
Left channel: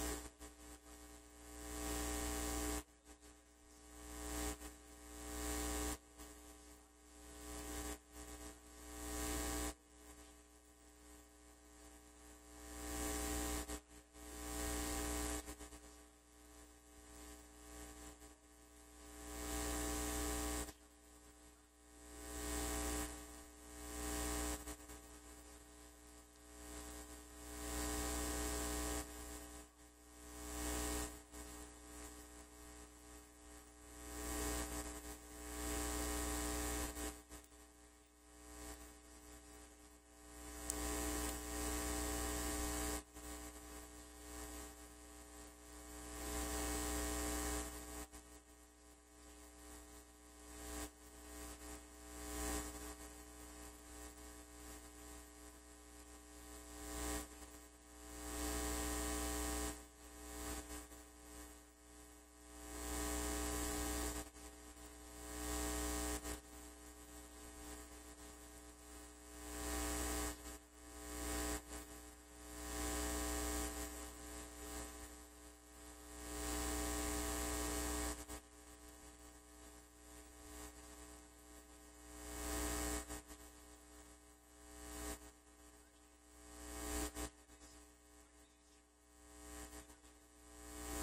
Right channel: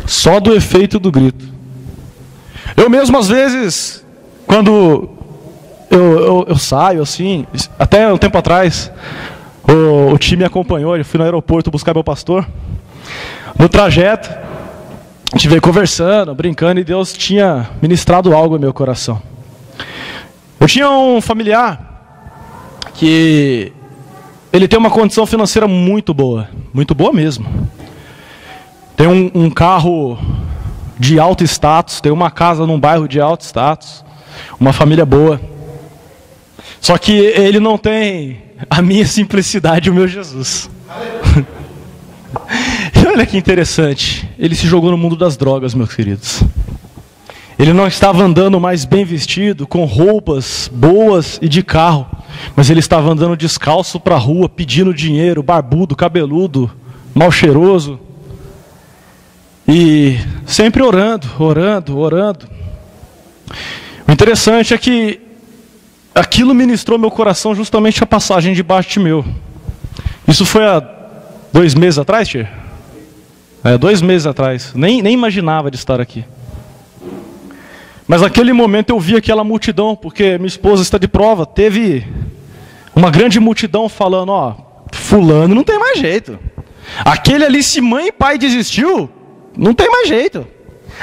Só do efeito do grito. Eu mesmo, às vezes, quando eu saio assim, até um tempo atrás, o time me acompanhou, eu fui no aeroporto buscar meu pastor. No trajeto, a gente veio conversando, brincando, e Deus tinha ministrado algo no meu coração. Eu tinha um familiar que ele tem uma condição financeira muito boa mesmo. Tem um carro de alto status, tem uma casa num bairro de alto status, uma família boa. Só que ele não tem a minha simplicidade e o meu Jesus. E olha que interessante, ele se jogou no mundo das drogas, meus queridos. Ele não estava andando mais bem vestido, com roupas boas e de carro, mas ele estava andando descalço para a rua, pedindo dinheiro, barbudo, cabeludo, mal cheiroso. E sempre orando. O interessante é que aquilo ministrou meu coração justamente a passagem de Bartimeu. Isso foi há 2 meses atrás, tia? 2 meses atrás. Nem imaginava de estar aqui. Mas naquele momento eu vi aquela multidão, porque minha esposa está de prova. Teve uma grande multidão falando: ó, fulano não tem mais jeito. Aquele ali, se mãe e pai desistiu, não tem mais jeito.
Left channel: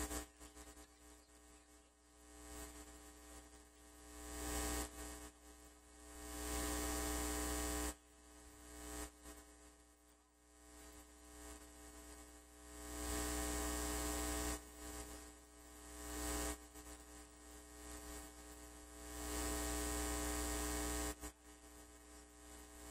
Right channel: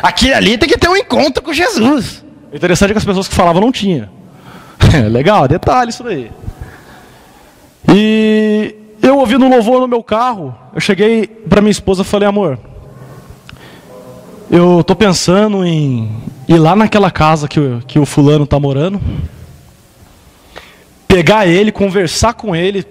Aquele ali tem que ter um encontro com Jesus. O interessante é que as pessoas que falavam não tinham. Legal, detalhe isso daí. E eu ouvi no louvor no meu carro, eu cheguei para minha esposa e falei: amor, eu estou pensando em ir lá naquela casa que o fulano está morando, pegar ele, conversar com ele,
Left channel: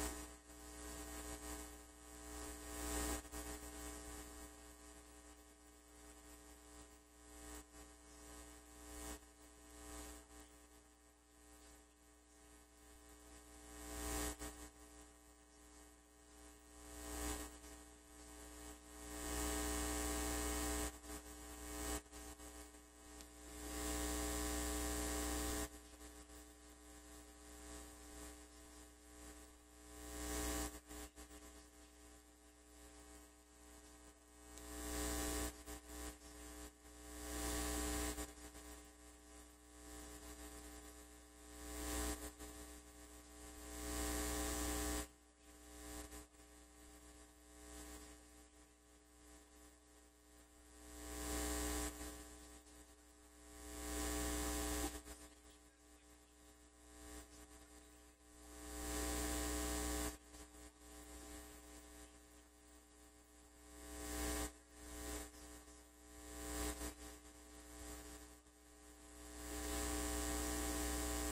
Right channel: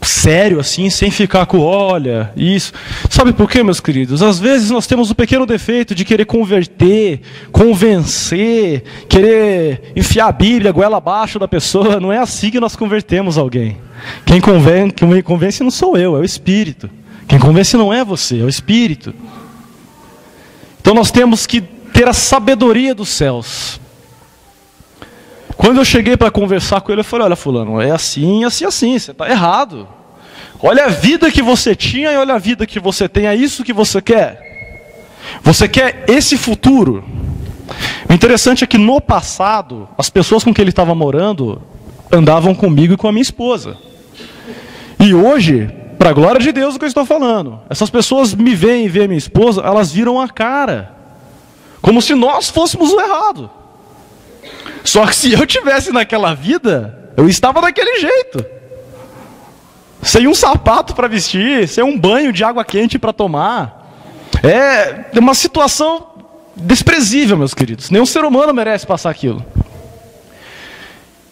sério assim, sem ficar com olha, isso. Sabe por quê, meus queridos? Às vezes nós temos o pequeno defeito de querer converter, convencer, querer enfiar a Bíblia goela abaixo da pessoa. Não é assim que nós convertemos alguém. Quem convence não sou eu, é o Espírito. Quem convence não é você, é o Espírito. Então nós temos que ter a sabedoria dos céus. Quando eu cheguei para conversar com ele, eu falei: olha, fulano, é assim, assim, assim, você está errado. Olha a vida que você tinha e olha a vida que você tem, é isso que você quer? Você quer esse futuro? O interessante é que no passado, as pessoas com quem ele estava morando andavam comigo e com a minha esposa. E hoje, para a glória de Deus, o que eu estou falando, essas pessoas me veem e veem a minha esposa, elas viram a cara, como se nós fôssemos o errado. Só que se eu tivesse naquela vida, eu estava daquele jeito. Sem um sapato para vestir, sem um banho de água quente para tomar. É uma situação desprezível, meus queridos. Nenhum ser humano merece passar aquilo.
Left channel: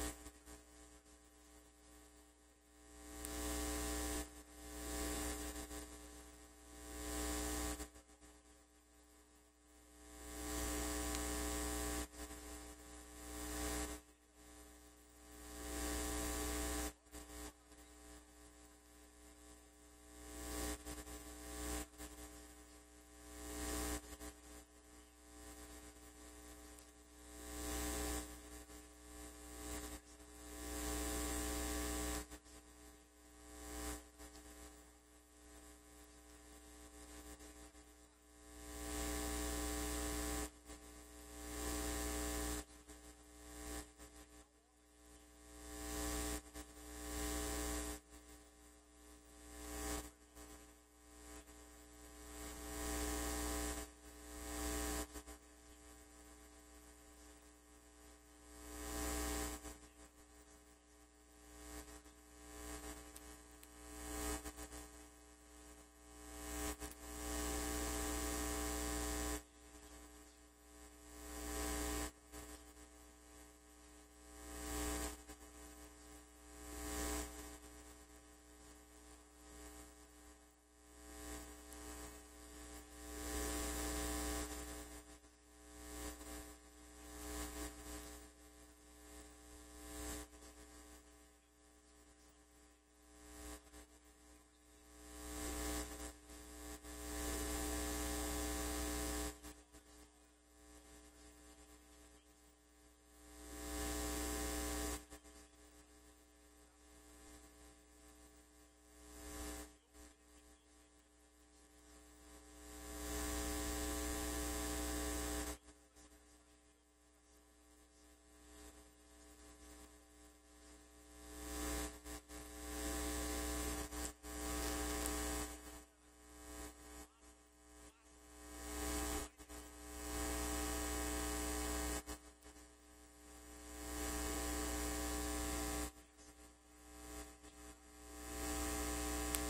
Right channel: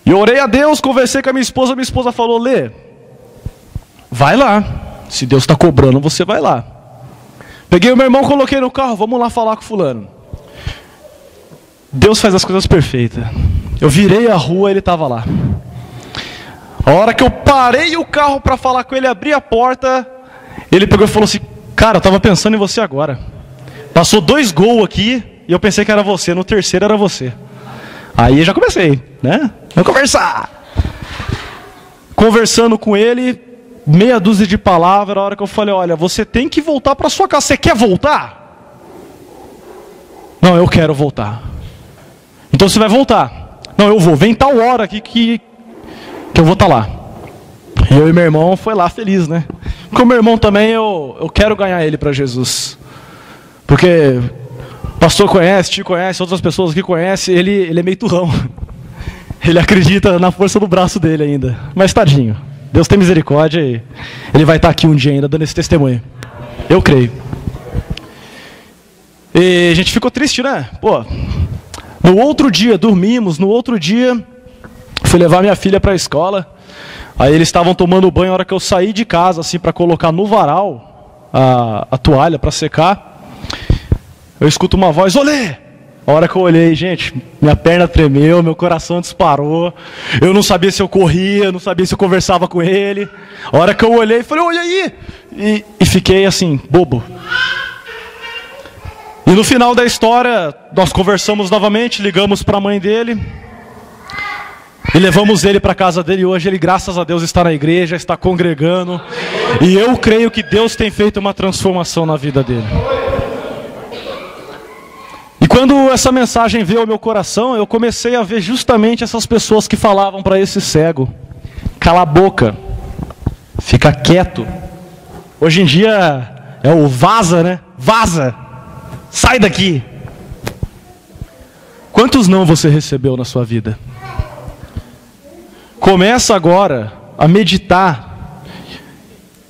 E eu orei a Deus, conversei com a minha esposa falou: Lê, vai lá. Se Deus está cobrando, você vai lá. Peguei o meu irmão, coloquei no carro, vamos lá falar com fulano. Deus faz as coisas perfeitas. Eu virei a rua, ele estava lá. A hora que eu parei o carro para falar com ele, abri a porta, ele pegou e falou assim: cara, eu estava pensando em você agora. Passou 2 gols aqui e eu pensei que era você. No terceiro era você. Aí já comecei, né? Vamos conversar. Conversando com ele, meia dúzia de palavras, a hora que eu falei, olha, você tem que voltar para sua casa. Você quer voltar? Não, eu quero voltar. Então você vai voltar. Não, eu vou. Vem tal hora aqui que eu vou estar lá. E eu e meu irmão foi lá feliz, né? Porque o meu irmão também, eu quero ganhar ele para Jesus. Porque o pastor conhece, te conhece, outras pessoas que conhecem, ele é meio turrão. Ele acredita na força do braço dele ainda. Mas tadinho, Deus tem misericórdia e ele vai estar aqui um dia ainda dando esse testemunho. Eu creio. E a gente ficou triste, né? Pô, no outro dia, dormimos, no outro dia, fui levar minha filha para a escola. Aí eles estavam tomando banho, a hora que eu saí de casa, assim, para colocar no varal a toalha para secar. Eu escuto uma voz, olê! A hora que eu olhei, gente, minha perna tremeu, meu coração disparou. Eu não sabia se eu corria, não sabia se eu conversava com ele. A hora que eu olhei, falei, oi, aí! E fiquei assim, bobo. E no final da história, nós conversamos novamente, ligamos para a mãe dele. E levamos ele para a casa dele. Hoje ele, graças a Deus, está na igreja, está congregando. E eu creio que Deus tem feito uma transformação na vida dele. E quando essa mensagem veio ao meu coração, eu comecei a ver justamente essas pessoas que falavam para esse cego: cala a boca, fica quieto. Hoje em dia é o vaza, né? Vaza, sai daqui. Quantos não você recebeu na sua vida? Começa agora a meditar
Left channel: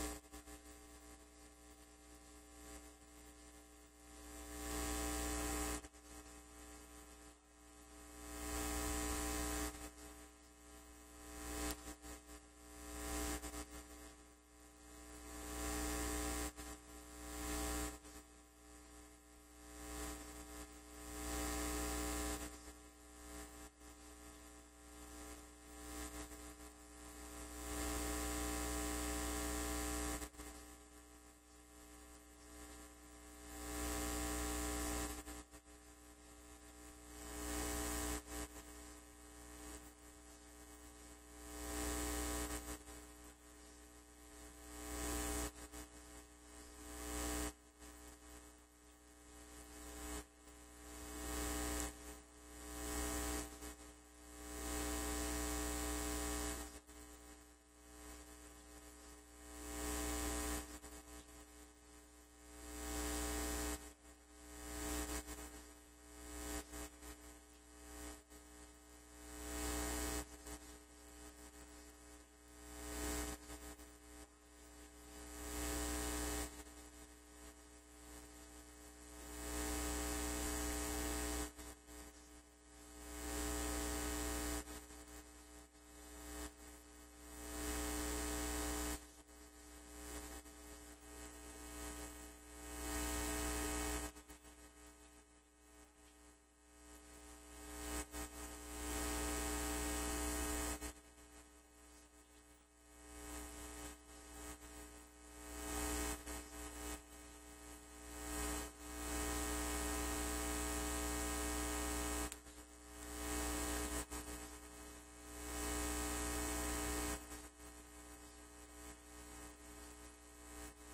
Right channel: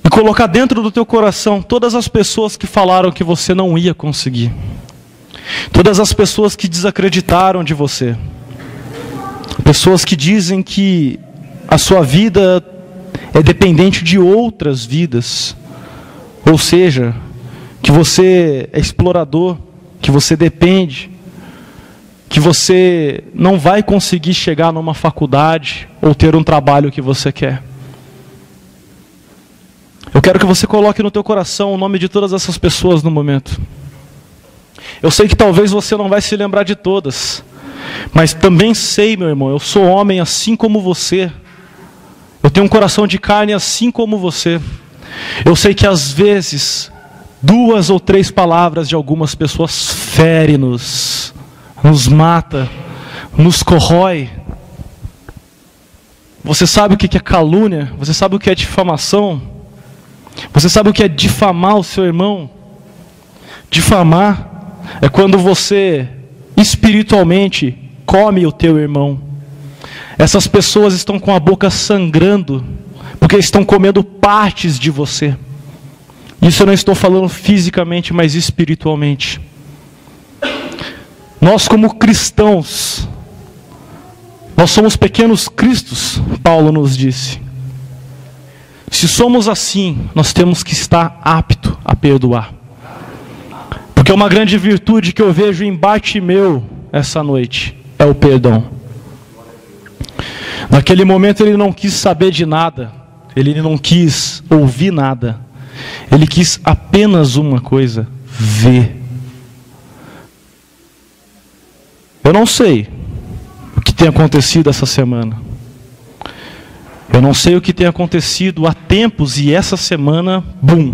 e colocar dentro do teu coração todas as pessoas que falaram que você não ia conseguir. Todas as pessoas que desacreditaram de você. Pessoas que dizem que a sua vida é dependente de outras vidas. Ou seja, que você é explorador, que você depende, que você não vai conseguir chegar numa faculdade ou ter um trabalho que você quer. Eu quero que você coloque no teu coração o nome de todas essas pessoas no momento. Eu sei que talvez você não vai se lembrar de todas, mas também sei, meu irmão, eu sou homem assim como você. Eu tenho um coração de carne assim como você. Eu sei que às vezes 2 ou 3 palavras de algumas pessoas ferem-nos, nos mata, nos corrói. Você sabe o que é calúnia? Você sabe o que é difamação? Você sabe o que é difamar o seu irmão? Difamar é quando você espiritualmente come o teu irmão. Essas pessoas estão com a boca sangrando porque estão comendo partes de você. Isso eu não estou falando fisicamente, mas espiritualmente. Nós como cristãos, nós somos pequenos cristos, Paulo nos disse. Se somos assim, nós temos que estar apto a perdoar. Porque uma grande virtude que eu vejo em Bartimeu essa noite é o perdão. Naquele momento ele não quis saber de nada, ele não quis ouvir nada, ele quis apenas uma coisa: ver. Eu não sei o que tem acontecido essa semana. Eu não sei o que tem acontecido há tempos e essa semana, bum,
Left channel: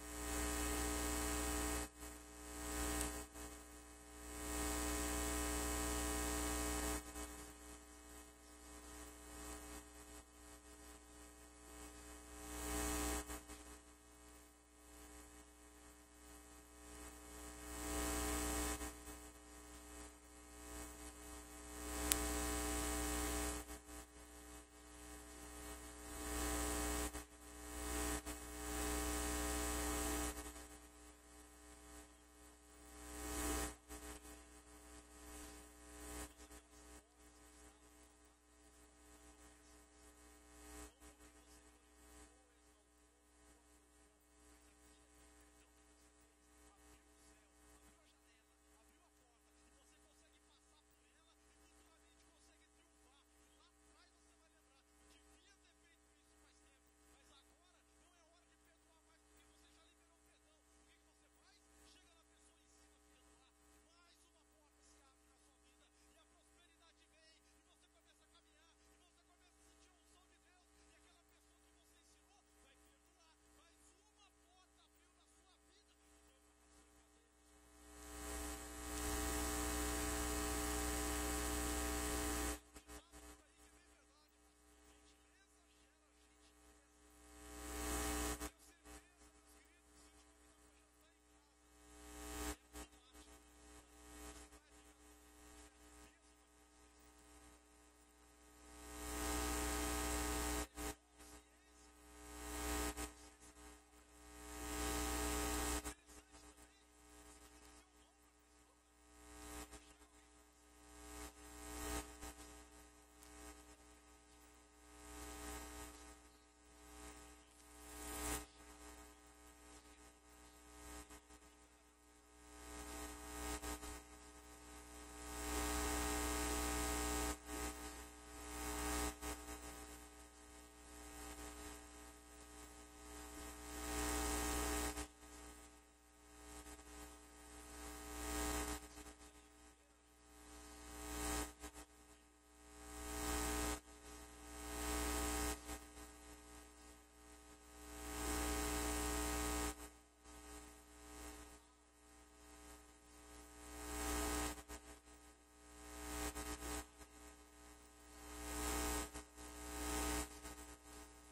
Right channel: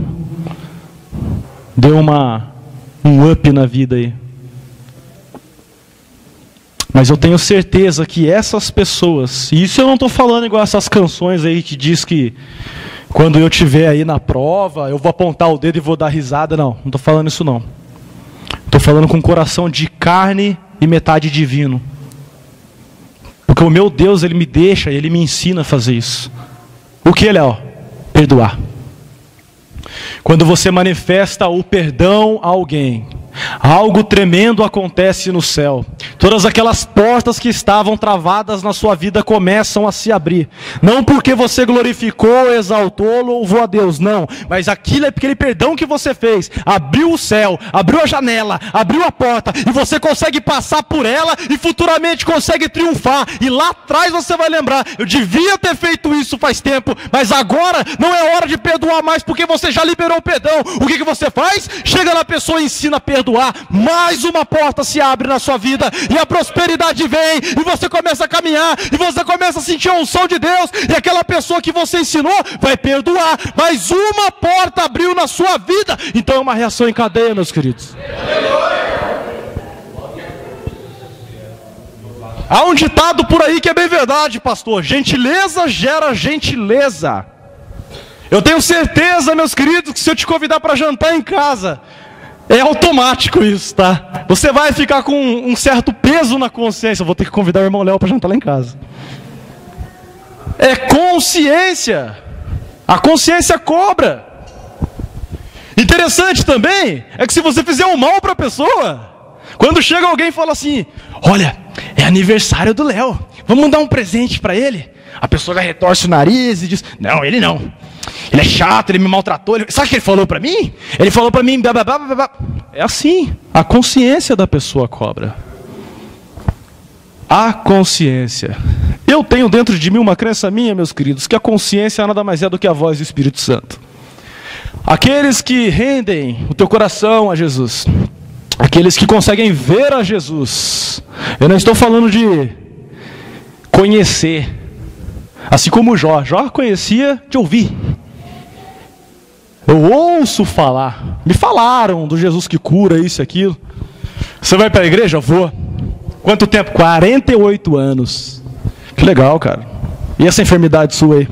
deu um up na vida aí. Mas eu tenho certeza que essas pessoas, e isso eu não estou falando igual essas canções aí que diz que quando eu estiver aí na prova, eu vou apontar o dedo e vou dar risada. Não estou falando isso não. Estou falando com um coração de carne e metade divino. Porque o meu Deus, Ele me deixa, Ele me ensina a fazer isso. O que, Léo? Perdoar. Quando você manifesta o perdão a alguém, algo tremendo acontece no céu. Todas aquelas portas que estavam travadas na sua vida começam a se abrir. Não porque você glorificou, exaltou, louvou a Deus, não. Mas aquele perdão que você fez, abriu o céu, abriu a janela, abriu a porta, e você consegue passar por ela e futuramente consegue triunfar. E lá atrás você vai lembrar: eu devia ter feito isso faz tempo, mas agora não é hora de perdoar mais, porque você já liberou o perdão. O que você faz? Chega na pessoa e ensina a perdoar. perdoar, mais uma porta se abre na sua vida, e a prosperidade vem, e você começa a caminhar, e você começa a sentir a unção de Deus, e aquela pessoa que você ensinou vai perdoar, mais uma porta abriu na sua vida. Então é uma reação em cadeia, meus queridos. Há um ditado por aí que é bem verdade, pastor: gentileza gera gentileza. Eu tenho certeza, meus queridos, que se eu te convidar para jantar em casa, é automático isso, tá? Você vai ficar com um certo peso na consciência. Eu vou ter que convidar o irmão Léo para jantar lá em casa. É consciência. A consciência cobra. Interessante também é que se você fizer um mal para a pessoa, quando chega alguém e fala assim: olha, é aniversário do Léo, vamos dar um presente para ele. A pessoa já retorce o nariz e diz: não, ele não. Ele é chato, ele me maltratou. Sabe o que ele falou para mim? Ele falou para mim, blá, blá, blá, blá, blá. É assim, a consciência da pessoa cobra. A consciência. Eu tenho dentro de mim uma crença minha, meus queridos, que a consciência nada mais é do que a voz do Espírito Santo. Aqueles que rendem o teu coração a Jesus, aqueles que conseguem ver a Jesus. Eu não estou falando de conhecer, assim como Jó conhecia de ouvir. Eu ouço falar, me falaram do Jesus que cura isso e aquilo. Você vai para a igreja? Vou. Quanto tempo? 48 anos. Que legal, cara. E essa enfermidade sua aí?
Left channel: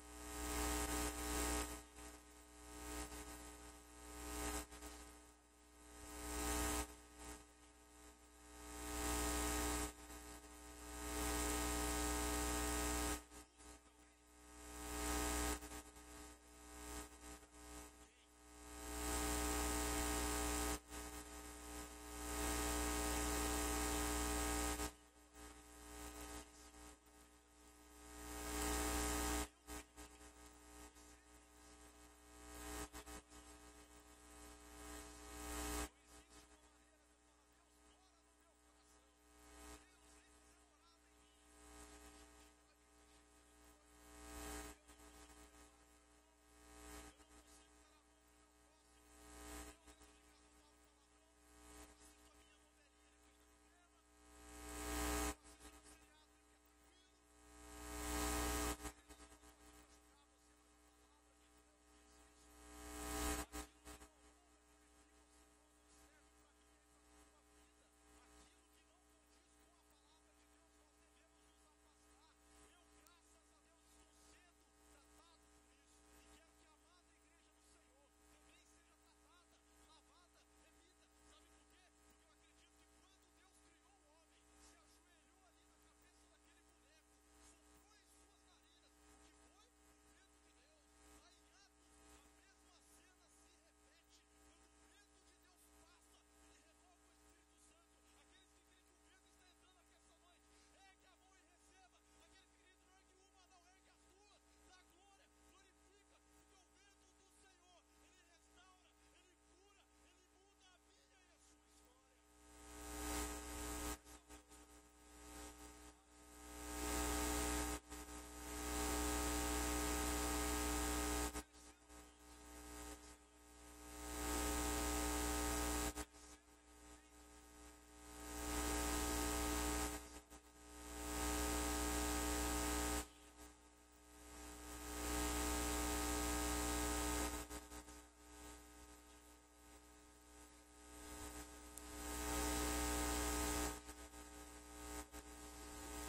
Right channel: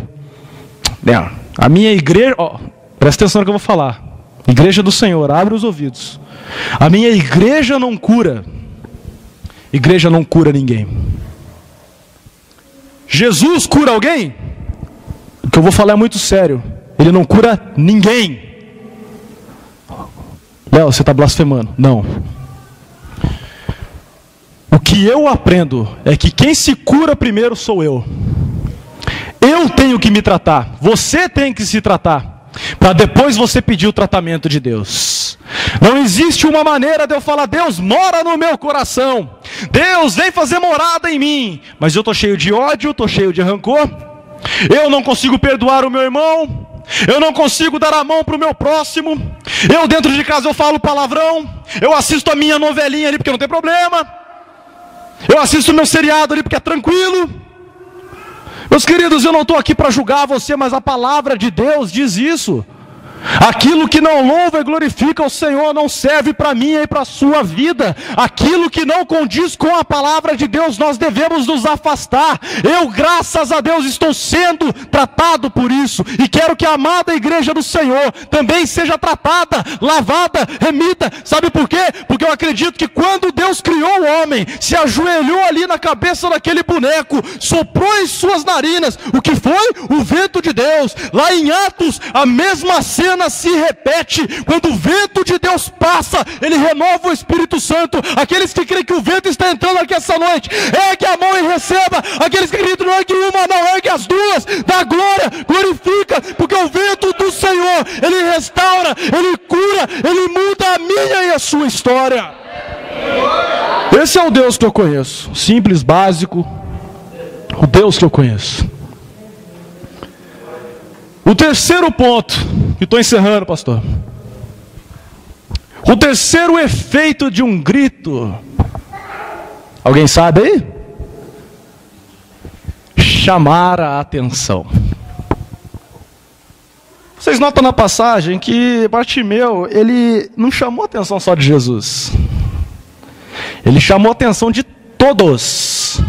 Não, a minha igreja, ó, presta atenção no que eu vou falar. Igreja do Senhor, abre os ouvidos. A minha igreja não cura. Igreja não cura ninguém. Jesus cura alguém? O que eu vou falar é muito sério. Ele não cura ninguém. Léo, você está blasfemando. Não. O que eu aprendo é que quem se cura primeiro sou eu. Eu tenho que me tratar. Você tem que se tratar, para depois você pedir o tratamento de Deus. Não existe uma maneira de eu falar: Deus mora no meu coração, Deus vem fazer morada em mim, mas eu estou cheio de ódio, estou cheio de rancor, eu não consigo perdoar o meu irmão, eu não consigo dar a mão para o meu próximo, eu dentro de casa eu falo palavrão, eu assisto a minha novelinha ali porque não tem problema, eu assisto o meu seriado ali porque é tranquilo. Meus queridos, eu não estou aqui para julgar você, mas a palavra de Deus diz isso. Aquilo que não louva e glorifica o Senhor não serve para mim e para a sua vida. Aquilo que não condiz com a palavra de Deus, nós devemos nos afastar. Eu, graças a Deus, estou sendo tratado por isso, e quero que a amada igreja do Senhor também seja tratada, lavada, remida. Sabe por quê? Porque eu acredito que quando Deus criou o homem, se ajoelhou ali na cabeça daquele boneco, soprou em suas narinas, o que foi? O vento de Deus. Lá em Atos, a mesma cena se repete. Quando o vento de Deus passa, ele renova o Espírito Santo. Aqueles que creem que o vento está entrando aqui essa noite, ergue a mão e receba. Aqueles que acreditam, não ergue uma, não, ergue as duas. Dá glória, glorifica, porque o vento do Senhor, ele restaura, ele cura, ele muda a minha e a sua história. Esse é o Deus que eu conheço, simples, básico, o Deus que eu conheço. O terceiro ponto, que estou encerrando, pastor. O terceiro efeito de um grito. Alguém sabe aí? Chamar a atenção. Vocês notam na passagem que Bartimeu, ele não chamou a atenção só de Jesus. Ele chamou a atenção de todos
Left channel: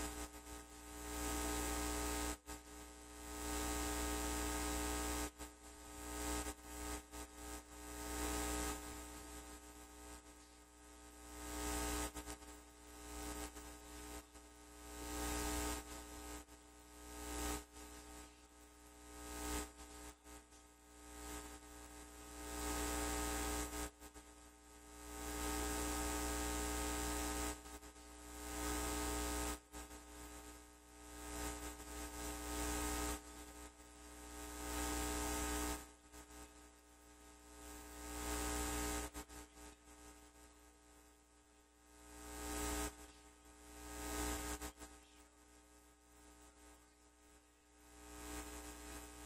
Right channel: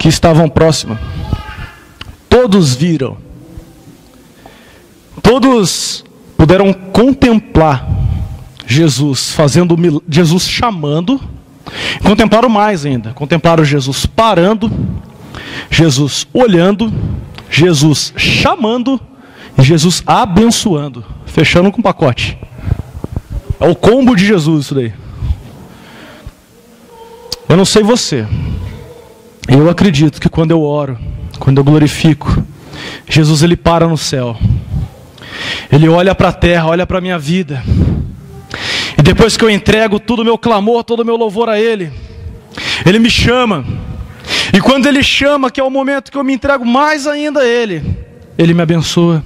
que estavam próximos. Todos viram. Todos puderam contemplar Jesus fazendo, Jesus chamando, contemplaram mais ainda, contemplaram Jesus parando, Jesus olhando, Jesus chamando e Jesus abençoando, fechando com pacote. É o combo de Jesus isso daí. Eu não sei você, eu acredito que quando eu oro, quando eu glorifico, Jesus ele para no céu. Ele olha para a terra, olha para a minha vida. E depois que eu entrego todo o meu clamor, todo o meu louvor a Ele, Ele me chama. E quando Ele chama, que é o momento que eu me entrego mais ainda a Ele, Ele me abençoa.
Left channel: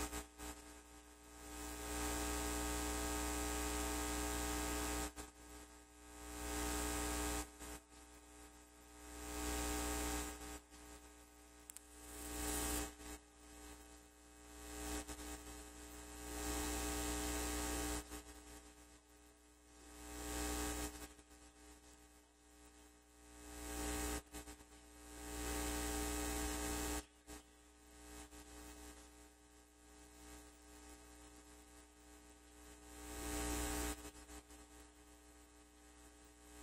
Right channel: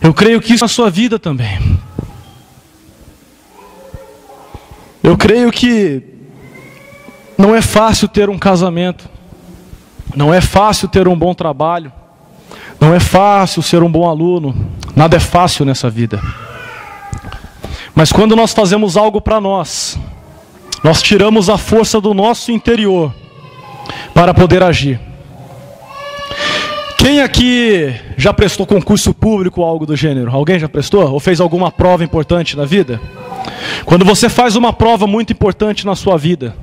Eu creio que isso é a sua vida também. Eu creio que não é fácil ter um casamento, não é fácil ter um bom trabalho, não é fácil ser um bom aluno, nada é fácil nessa vida. Mas quando nós fazemos algo para nós tiramos a força do nosso interior para poder agir. Quem aqui já prestou concurso público ou algo do gênero? Alguém já prestou? Ou fez alguma prova importante na vida? Quando você faz uma prova muito importante na sua vida,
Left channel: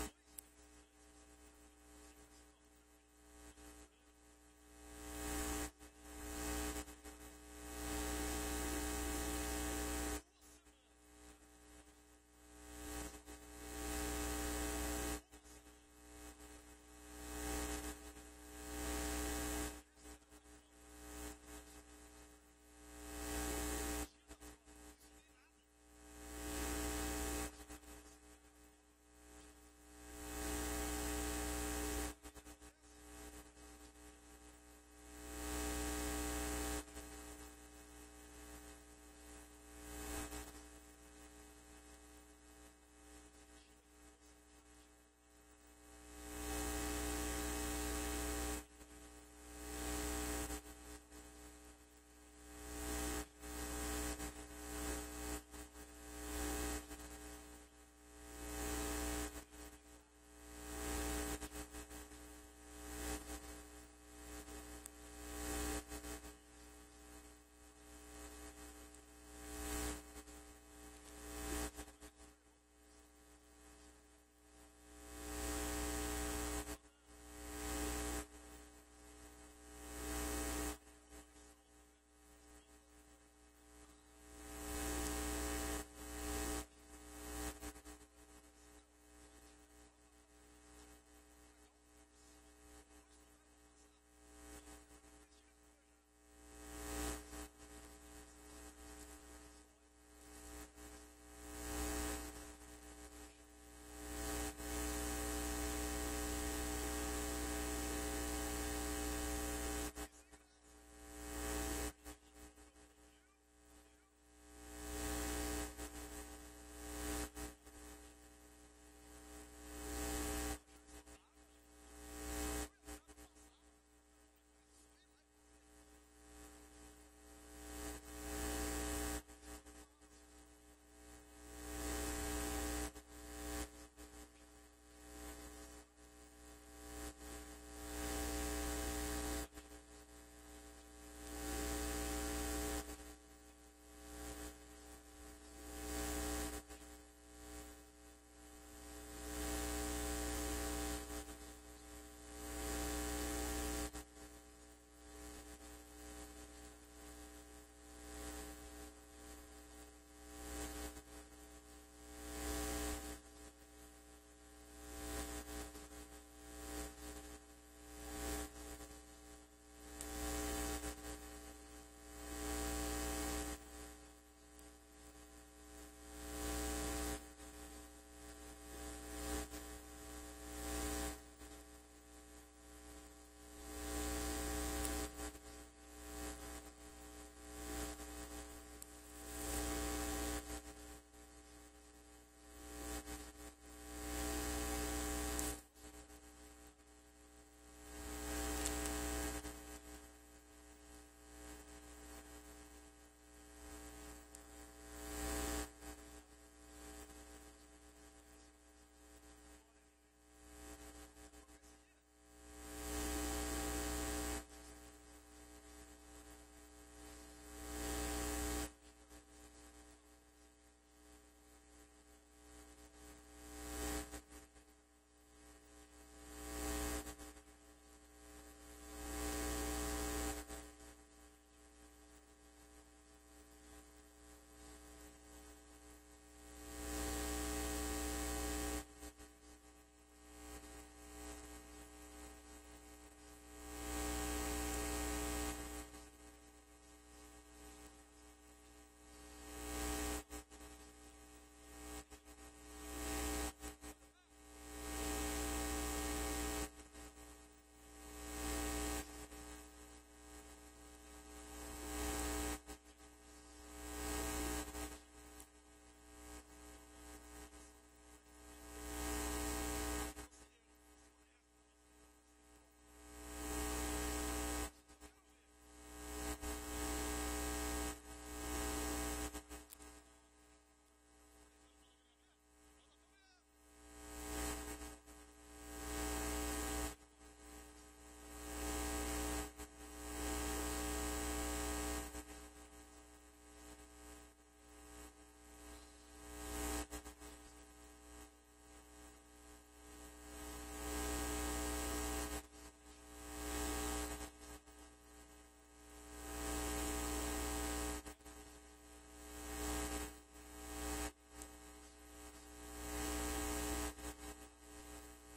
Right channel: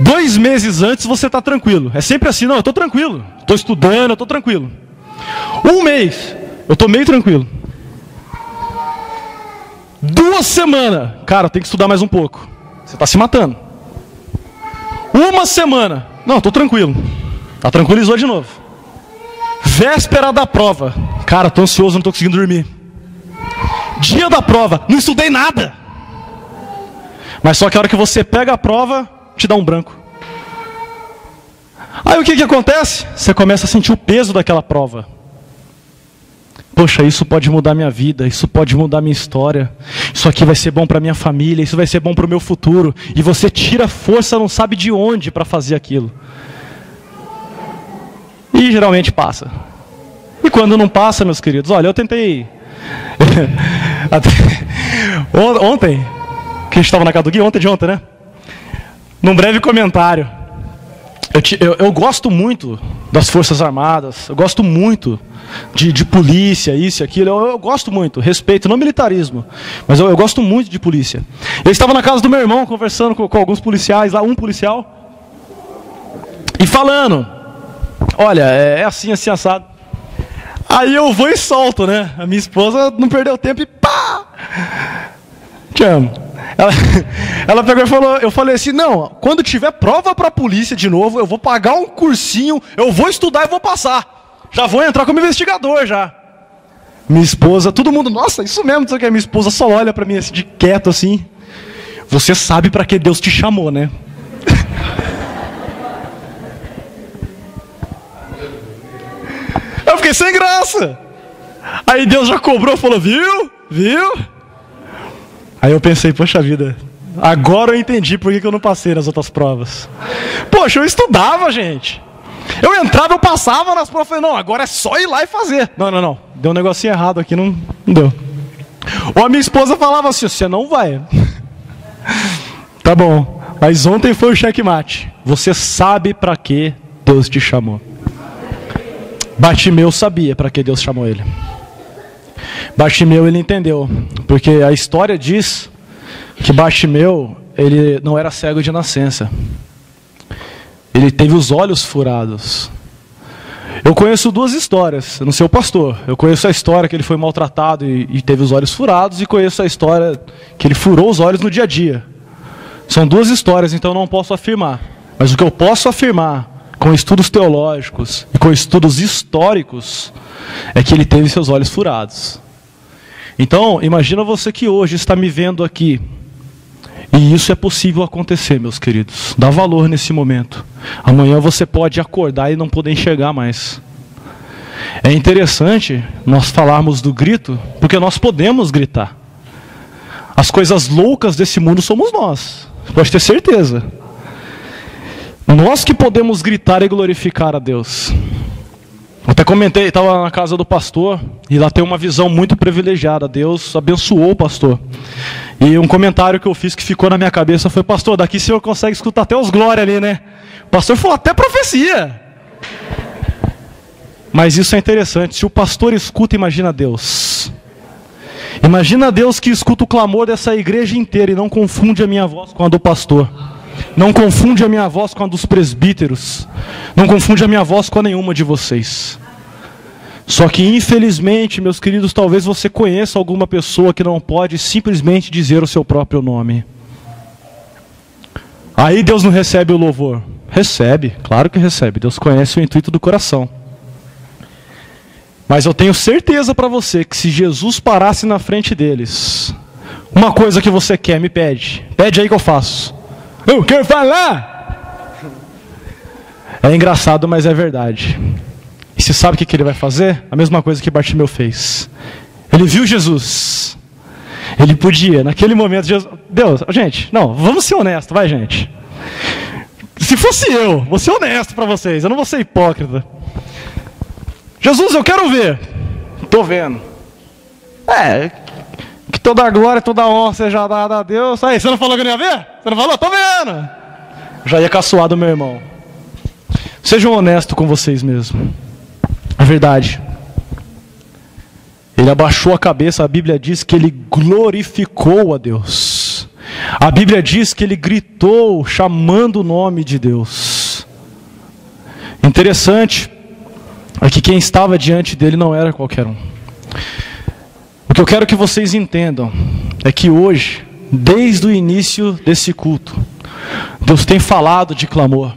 2 meses antes você está tranquilo. É sempre assim, não, eu estou tranquilo. Estou estudando, eu estou tranquilo. 1 mês, eu estou meio tranquilo. 2 semanas, cara, tem que estudar mais um pouco. Você está se matando. 1 semana, não, estou tranquilo. Tá, tranquilizou de novo. Véspera da prova, cara, estou ansioso, não estou conseguindo dormir. Dia da prova, não estudei nada. Mas só que a hora que você pega a prova, te dá um branco. Aí o que acontece? Você começa a sentir o peso daquela prova. Poxa, isso pode mudar minha vida, isso pode mudar minha história. Isso aqui vai ser bom para minha família, isso vai ser bom para o meu futuro. E você tira força, não sabe de onde para fazer aquilo. E geralmente passa. E quando não passa, meus queridos, olha, eu tentei... Ontem, que a gente estava na casa do Gui, ontem, né? Num breve comentário, eu gosto muito das Forças Armadas, eu gosto muito de polícia, isso e aquilo, eu gosto muito, respeito, não militarismo, mas eu gosto muito de polícia. Eu estava na casa do meu irmão, conversando com alguns policiais lá, um policial, e falando, olha, é assim, assim, assado. Aí eu vou e solto, né? A minha esposa não perdeu tempo e pá! Te amo. Ela pegou e falou, eu falei assim, não, quando tiver prova para a polícia de novo, eu vou pagar um cursinho, eu vou estudar e vou passar. Já vou entrar como investigador já. Minha esposa, todo mundo, nossa, isso mesmo, que minha esposa só olha para mim assim, de quieto assim. Você sabe para que Deus te chamou, né? Eu fiquei sem graça. Aí Deus já cobrou, falou, viu? Aí eu pensei, poxa vida, agora eu entendi por que eu não passei nas outras provas. Poxa, eu estudava, gente. Eu entrava, eu passava nas provas, falei, não, agora é só ir lá e fazer. Não, deu um negocinho errado aqui, não deu. Ou a minha esposa falava assim, você não vai. Tá bom, mas ontem foi o checkmate. Você sabe para que Deus te chamou. Bartimeu sabia para que Deus chamou ele. Bartimeu, ele entendeu, porque a história diz que Bartimeu, ele não era cego de nascença. Ele teve os olhos furados. Eu conheço 2 histórias, eu não sei o pastor. Eu conheço a história que ele foi maltratado e teve os olhos furados, e conheço a história que ele furou os olhos no dia a dia. São 2 histórias, então eu não posso afirmar. Mas o que eu posso afirmar, com estudos teológicos e com estudos históricos, é que ele teve seus olhos furados. Então, imagina você que hoje está me vendo aqui. E isso é possível acontecer, meus queridos. Dá valor nesse momento. Amanhã você pode acordar e não poder enxergar mais. É interessante nós falarmos do grito, porque nós podemos gritar. As coisas loucas desse mundo somos nós. Pode ter certeza. Nós que podemos gritar e glorificar a Deus. Eu até comentei, estava na casa do pastor, e lá tem uma visão muito privilegiada. Deus abençoou o pastor. E um comentário que eu fiz que ficou na minha cabeça foi, pastor, daqui o senhor consegue escutar até os glória ali, né? O pastor falou até profecia. Mas isso é interessante, se o pastor escuta, imagina Deus. Imagina Deus que escuta o clamor dessa igreja inteira e não confunde a minha voz com a do pastor. Não confunde a minha voz com a dos presbíteros. Não confunde a minha voz com a nenhuma de vocês. Só que infelizmente, meus queridos, talvez você conheça alguma pessoa que não pode simplesmente dizer o seu próprio nome. Aí Deus não recebe o louvor. Recebe, claro que recebe. Deus conhece o intuito do coração. Mas eu tenho certeza para você que se Jesus parasse na frente deles, uma coisa que você quer, me pede. Pede aí que eu faço. Eu quero falar! É engraçado, mas é verdade. E você sabe o que ele vai fazer? A mesma coisa que Bartimeu fez. Ele viu Jesus. Ele podia, naquele momento, Deus, gente, não, vamos ser honestos, vai, gente. Se fosse eu, vou ser honesto para vocês, eu não vou ser hipócrita. Jesus, eu quero ver. Estou vendo. Que toda a glória, toda a honra seja dada a Deus. Aí, você não falou que eu não ia ver? Você não falou? Estou vendo. Já ia caçoar do meu irmão. Sejam honestos com vocês mesmos. É verdade. Ele abaixou a cabeça, a Bíblia diz que ele glorificou a Deus. A Bíblia diz que ele gritou, chamando o nome de Deus. Interessante é que quem estava diante dele não era qualquer um. O que eu quero que vocês entendam é que hoje, desde o início desse culto, Deus tem falado de clamor.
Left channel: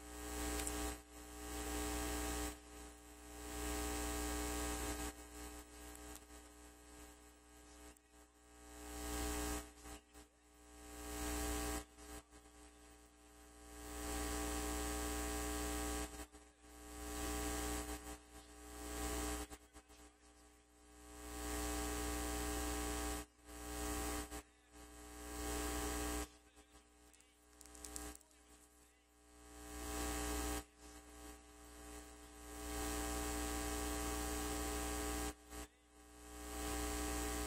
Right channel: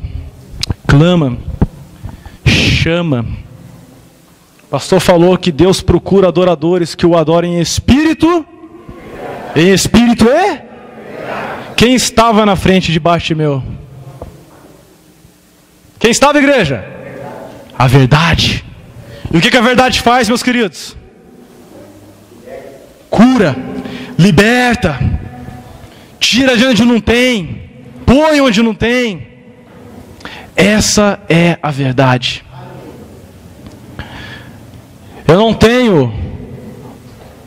Clama, chama. O pastor falou que Deus procura adoradores que o adorem em espírito. Em espírito é? Quem estava na frente de Bartimeu? Quem estava, igreja? A verdade. E o que a verdade faz, meus queridos? Cura, liberta, tira de onde não tem, põe onde não tem. Essa é a verdade. Eu não tenho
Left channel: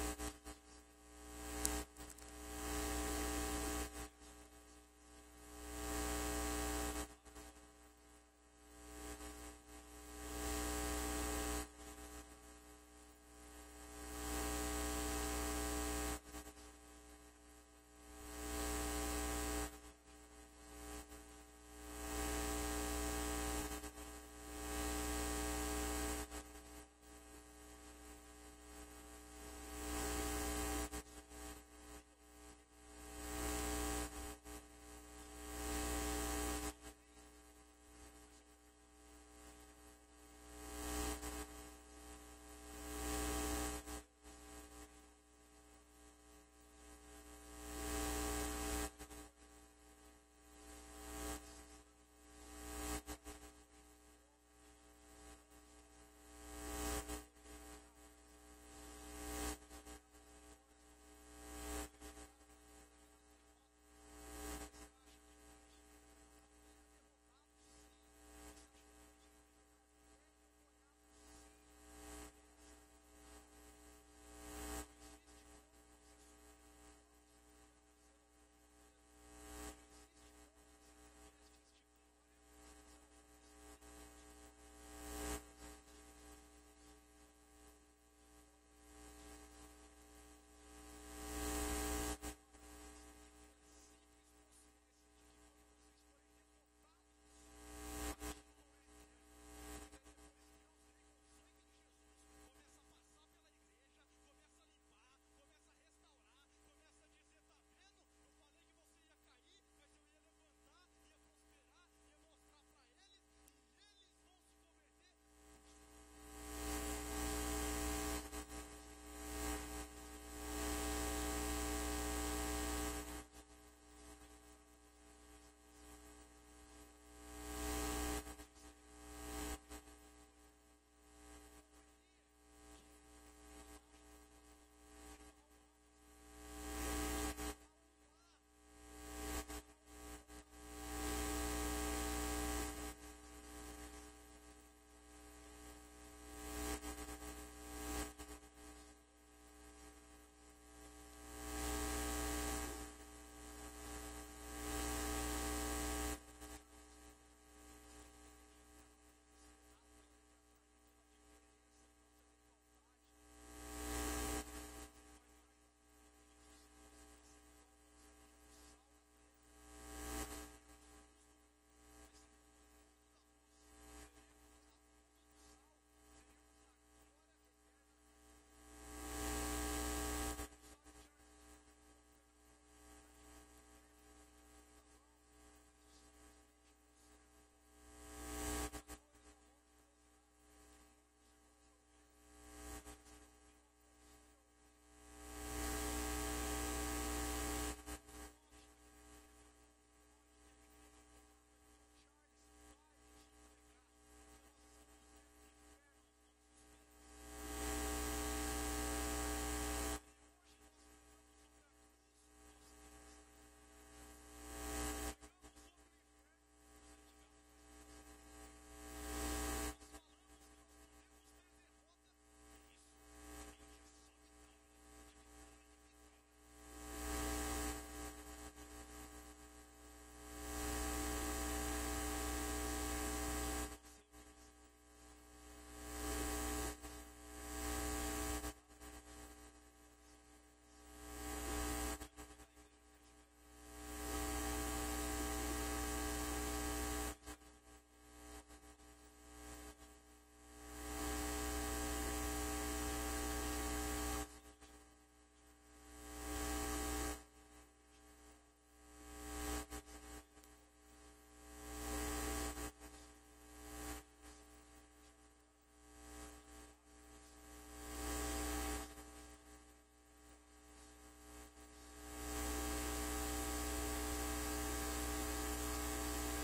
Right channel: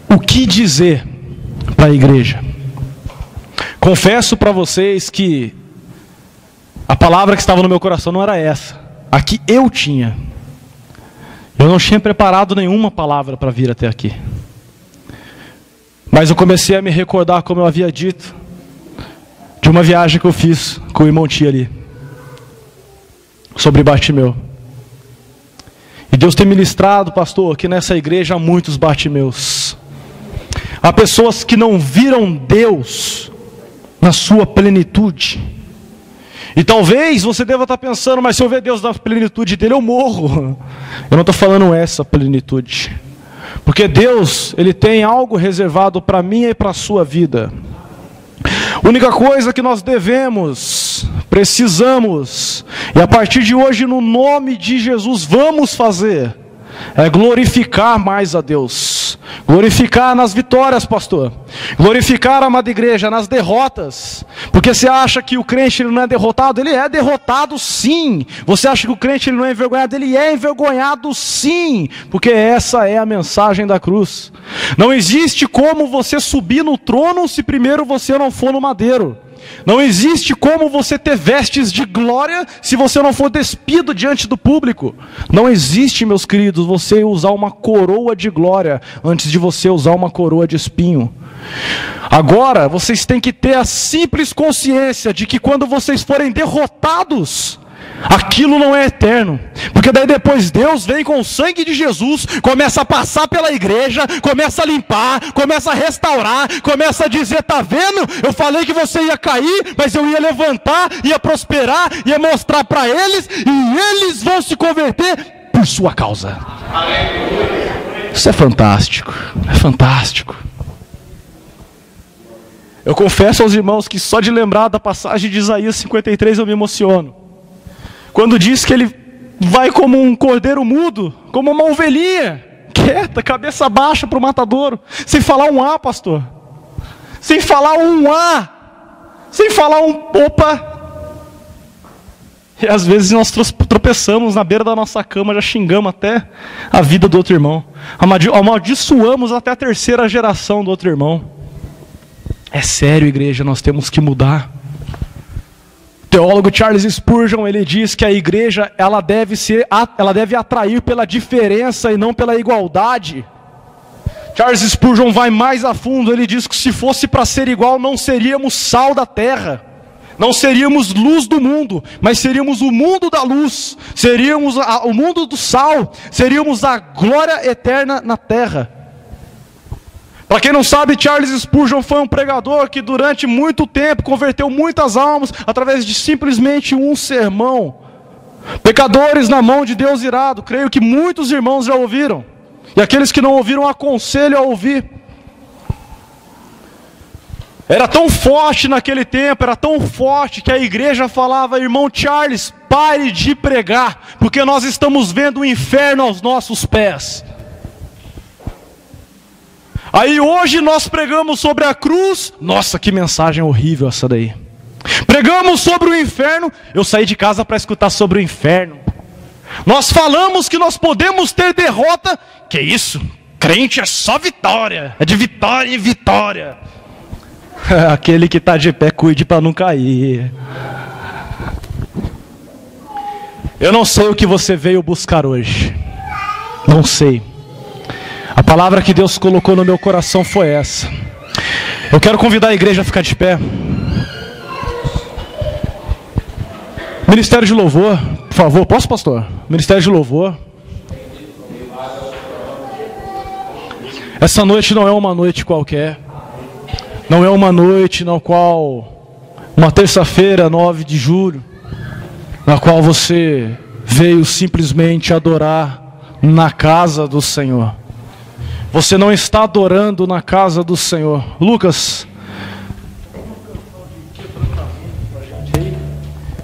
o que dizer para a igreja. Confesso para vocês que a palavra que estava no meu coração não era essa. A que eu tinha. Eu não tinha preparado nenhuma palavra para vir até aqui. Mas eu comecei a me recordar, como eu havia dito, de uma viagem que eu fiz com o irmão Tia ali, sobre Bartimeu. E Deus tem ministrado, pastor, que nessa igreja há muitos Bartimeus. Há pessoas que não viram Deus na sua plenitude. E talvez você deva estar pensando, mas se eu ver Deus na plenitude dele, eu morro. Eu não estou falando essa plenitude. Porque Deus, Ele tem algo reservado para mim e para a sua vida. A única coisa que nós devemos, precisamos, e a partir de hoje, no nome de Jesus, vamos fazer, é glorificar mais a Deus. Glorificar nas vitórias, pastor. Glorificar, amada igreja, nas derrotas. Porque você acha que o crente ele não é derrotado? Ele é derrotado sim. Você acha que o crente ele não é envergonhado? Ele é envergonhado sim. Porque essa é a mensagem da cruz. Não existe como você subir no trono se primeiro você não for no madeiro. Não existe como você ter vestes de glória se você não for despido diante do público. Não existe, meus queridos, você usar uma coroa de glória antes de você usar uma coroa de espinho. Agora, vocês têm que ter a simples consciência de que quando vocês forem derrotados, aquilo não é eterno, porque daí depois Deus vem com o sangue de Jesus, começa a passar pela igreja, começa a limpar, começa a restaurar, começa a dizer, tá vendo? Eu falei que você ia cair, mas eu ia levantar, ia prosperar, ia mostrar para eles, e eles vão se converter por sua causa. Isso é fantástico, é fantástico. Eu confesso aos irmãos que só de lembrar da passagem de Isaías 53 eu me emociono. Quando diz que ele vai como um cordeiro mudo, como uma ovelhinha, quieta, cabeça baixa para o matadouro, sem falar um A, pastor. Sem falar um A. Sem falar um opa. E às vezes nós tropeçamos na beira da nossa cama, já xingamos até a vida do outro irmão. Amaldiçoamos até a terceira geração do outro irmão. É sério, igreja, nós temos que mudar. O teólogo Charles Spurgeon, ele diz que a igreja ela deve atrair pela diferença e não pela igualdade. Charles Spurgeon vai mais a fundo, ele diz que se fosse para ser igual, não seríamos sal da terra, não seríamos luz do mundo, mas seríamos o mundo da luz, seríamos o mundo do sal, seríamos a glória eterna na terra. Para quem não sabe, Charles Spurgeon foi um pregador que durante muito tempo converteu muitas almas através de simplesmente um sermão. Pecadores na mão de Deus irado, creio que muitos irmãos já ouviram. E aqueles que não ouviram, aconselho a ouvir. Era tão forte naquele tempo, era tão forte que a igreja falava, irmão Charles, pare de pregar, porque nós estamos vendo o inferno aos nossos pés. Aí hoje nós pregamos sobre a cruz. Nossa, que mensagem horrível essa daí. Pregamos sobre o inferno. Eu saí de casa para escutar sobre o inferno. Nós falamos que nós podemos ter derrota. Que isso? Crente é só vitória. É de vitória em vitória. Aquele que está de pé, cuide para não cair. Eu não sei o que você veio buscar hoje. Não sei. A palavra que Deus colocou no meu coração foi essa. Eu quero convidar a igreja a ficar de pé. Ministério de louvor, por favor. Posso, pastor? Ministério de louvor. Essa noite não é uma noite qualquer. Não é uma noite na qual, uma terça-feira, 9 de julho, na qual você veio simplesmente adorar na casa do Senhor. Você não está adorando na casa do Senhor. Lucas,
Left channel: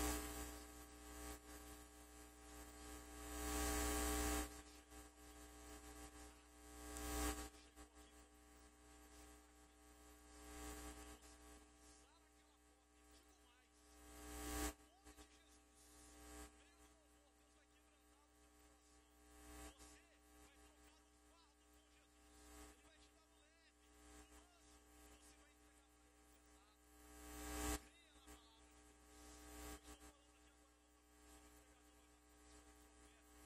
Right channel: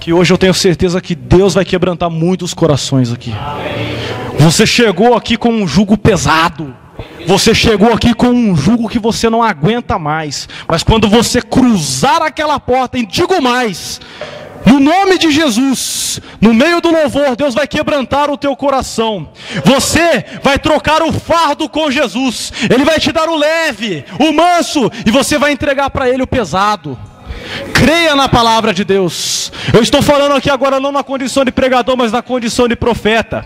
que hoje eu tenho certeza que Deus vai quebrantar muitos corações aqui. Você chegou aqui com um jugo pesado. Você chegou aqui com um jugo que você não aguenta mais. Mas quando você cruzar aquela porta, e digo mais, no nome de Jesus, no meio do louvor, Deus vai quebrantar o teu coração. Você vai trocar o fardo com Jesus. Ele vai te dar o leve, o manso, e você vai entregar para Ele o pesado. Creia na palavra de Deus. Eu estou falando aqui agora não na condição de pregador, mas na condição de profeta.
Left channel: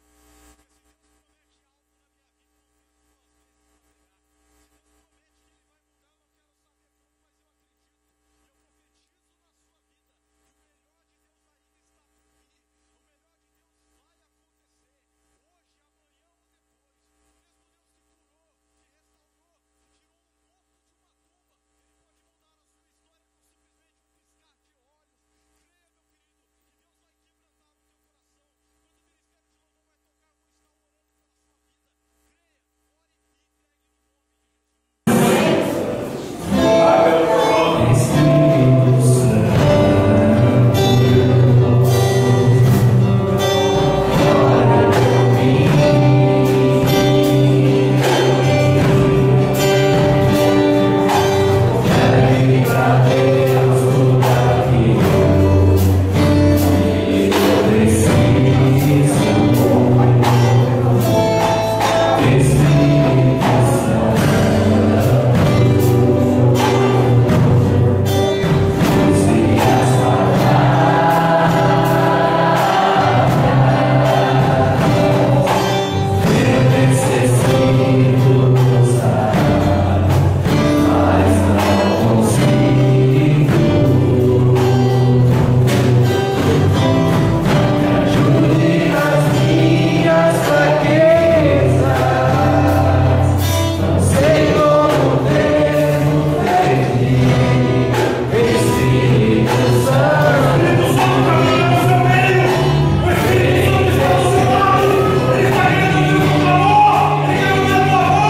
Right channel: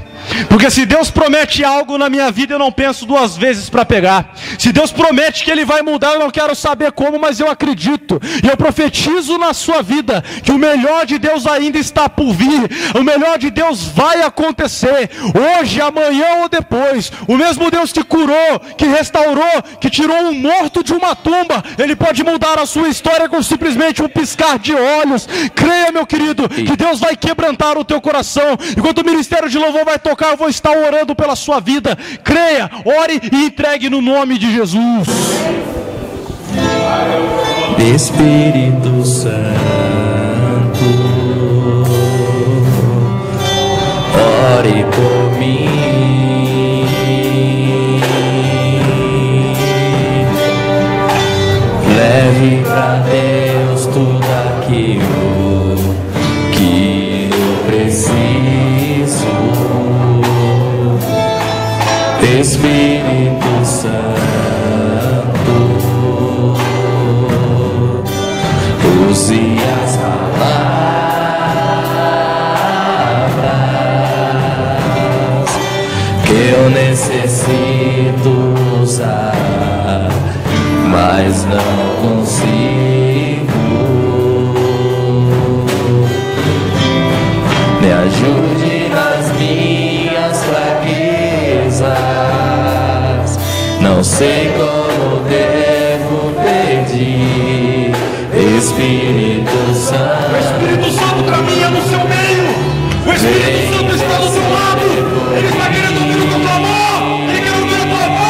Porque se Deus promete algo na minha vida, eu não penso duas vezes para pegar. Se Deus promete que Ele vai mudar, eu não quero saber como, mas eu acredito. E eu profetizo na sua vida que o melhor de Deus ainda está por vir. O melhor de Deus vai acontecer. Hoje, amanhã ou depois. O mesmo Deus que curou, que restaurou, que tirou um morto de uma tumba, Ele pode mudar a sua história com simplesmente um piscar de olhos. Creia, meu querido, que Deus vai quebrantar o teu coração. Enquanto o ministério de louvor vai tocar, eu vou estar orando pela sua vida. Creia, ore e entregue no nome de Jesus. Espírito Santo, ore por mim. Leve pra Deus tudo aquilo que eu preciso. Espírito Santo, use as palavras que eu necessito usar, mas não consigo. Me ajude nas minhas fraquezas. Não sei como devo pedir. Espírito Santo, O Espírito Santo caminha no seu meio. O Espírito Santo está do seu lado. Ele está querendo ouvir o teu clamor. Ele quer ouvir a tua voz.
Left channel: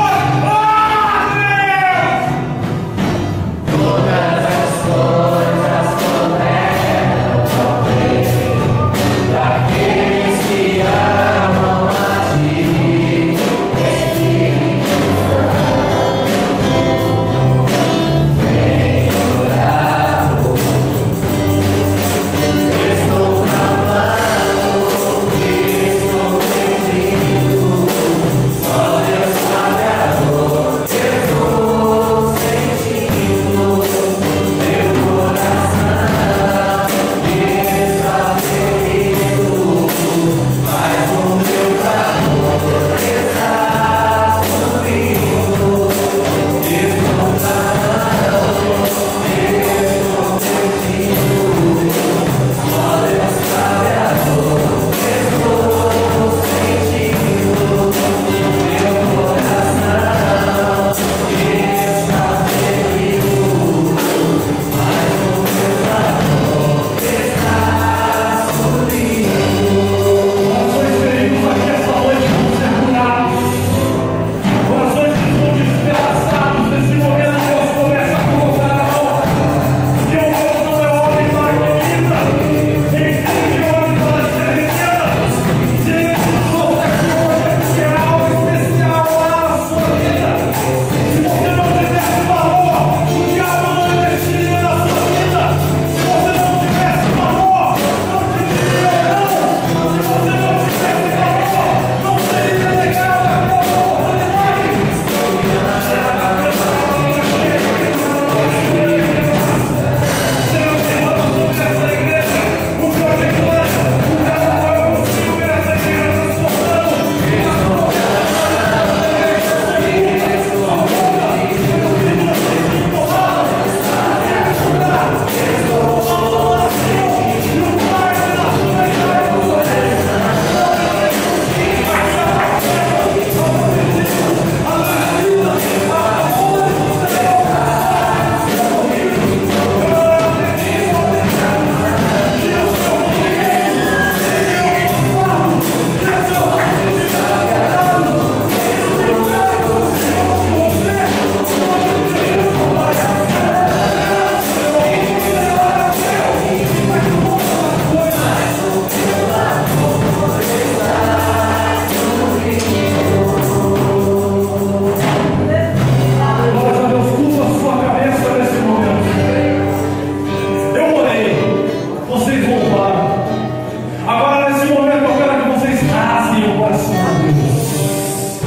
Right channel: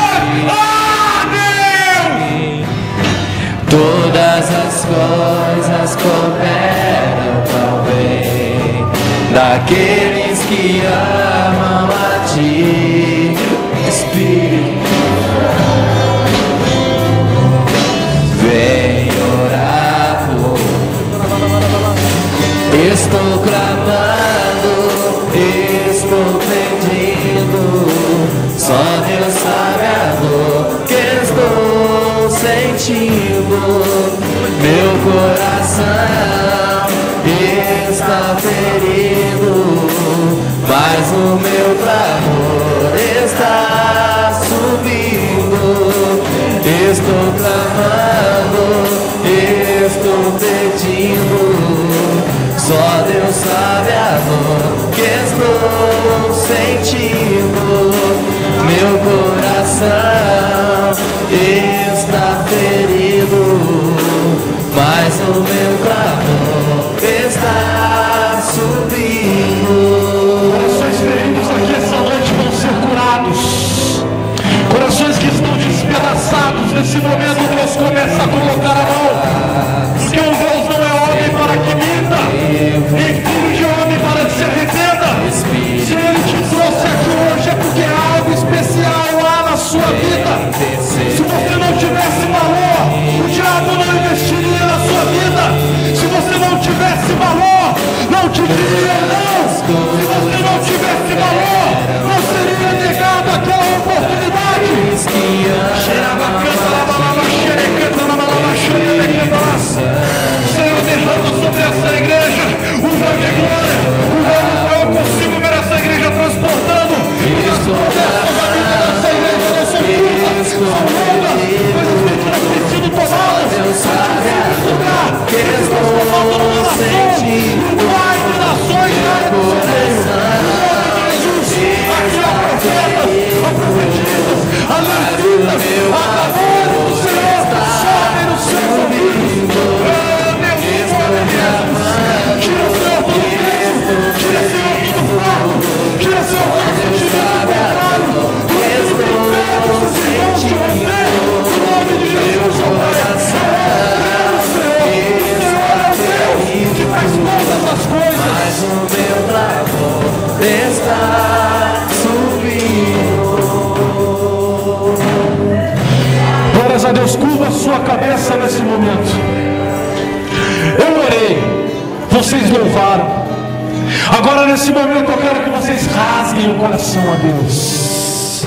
coração a Deus.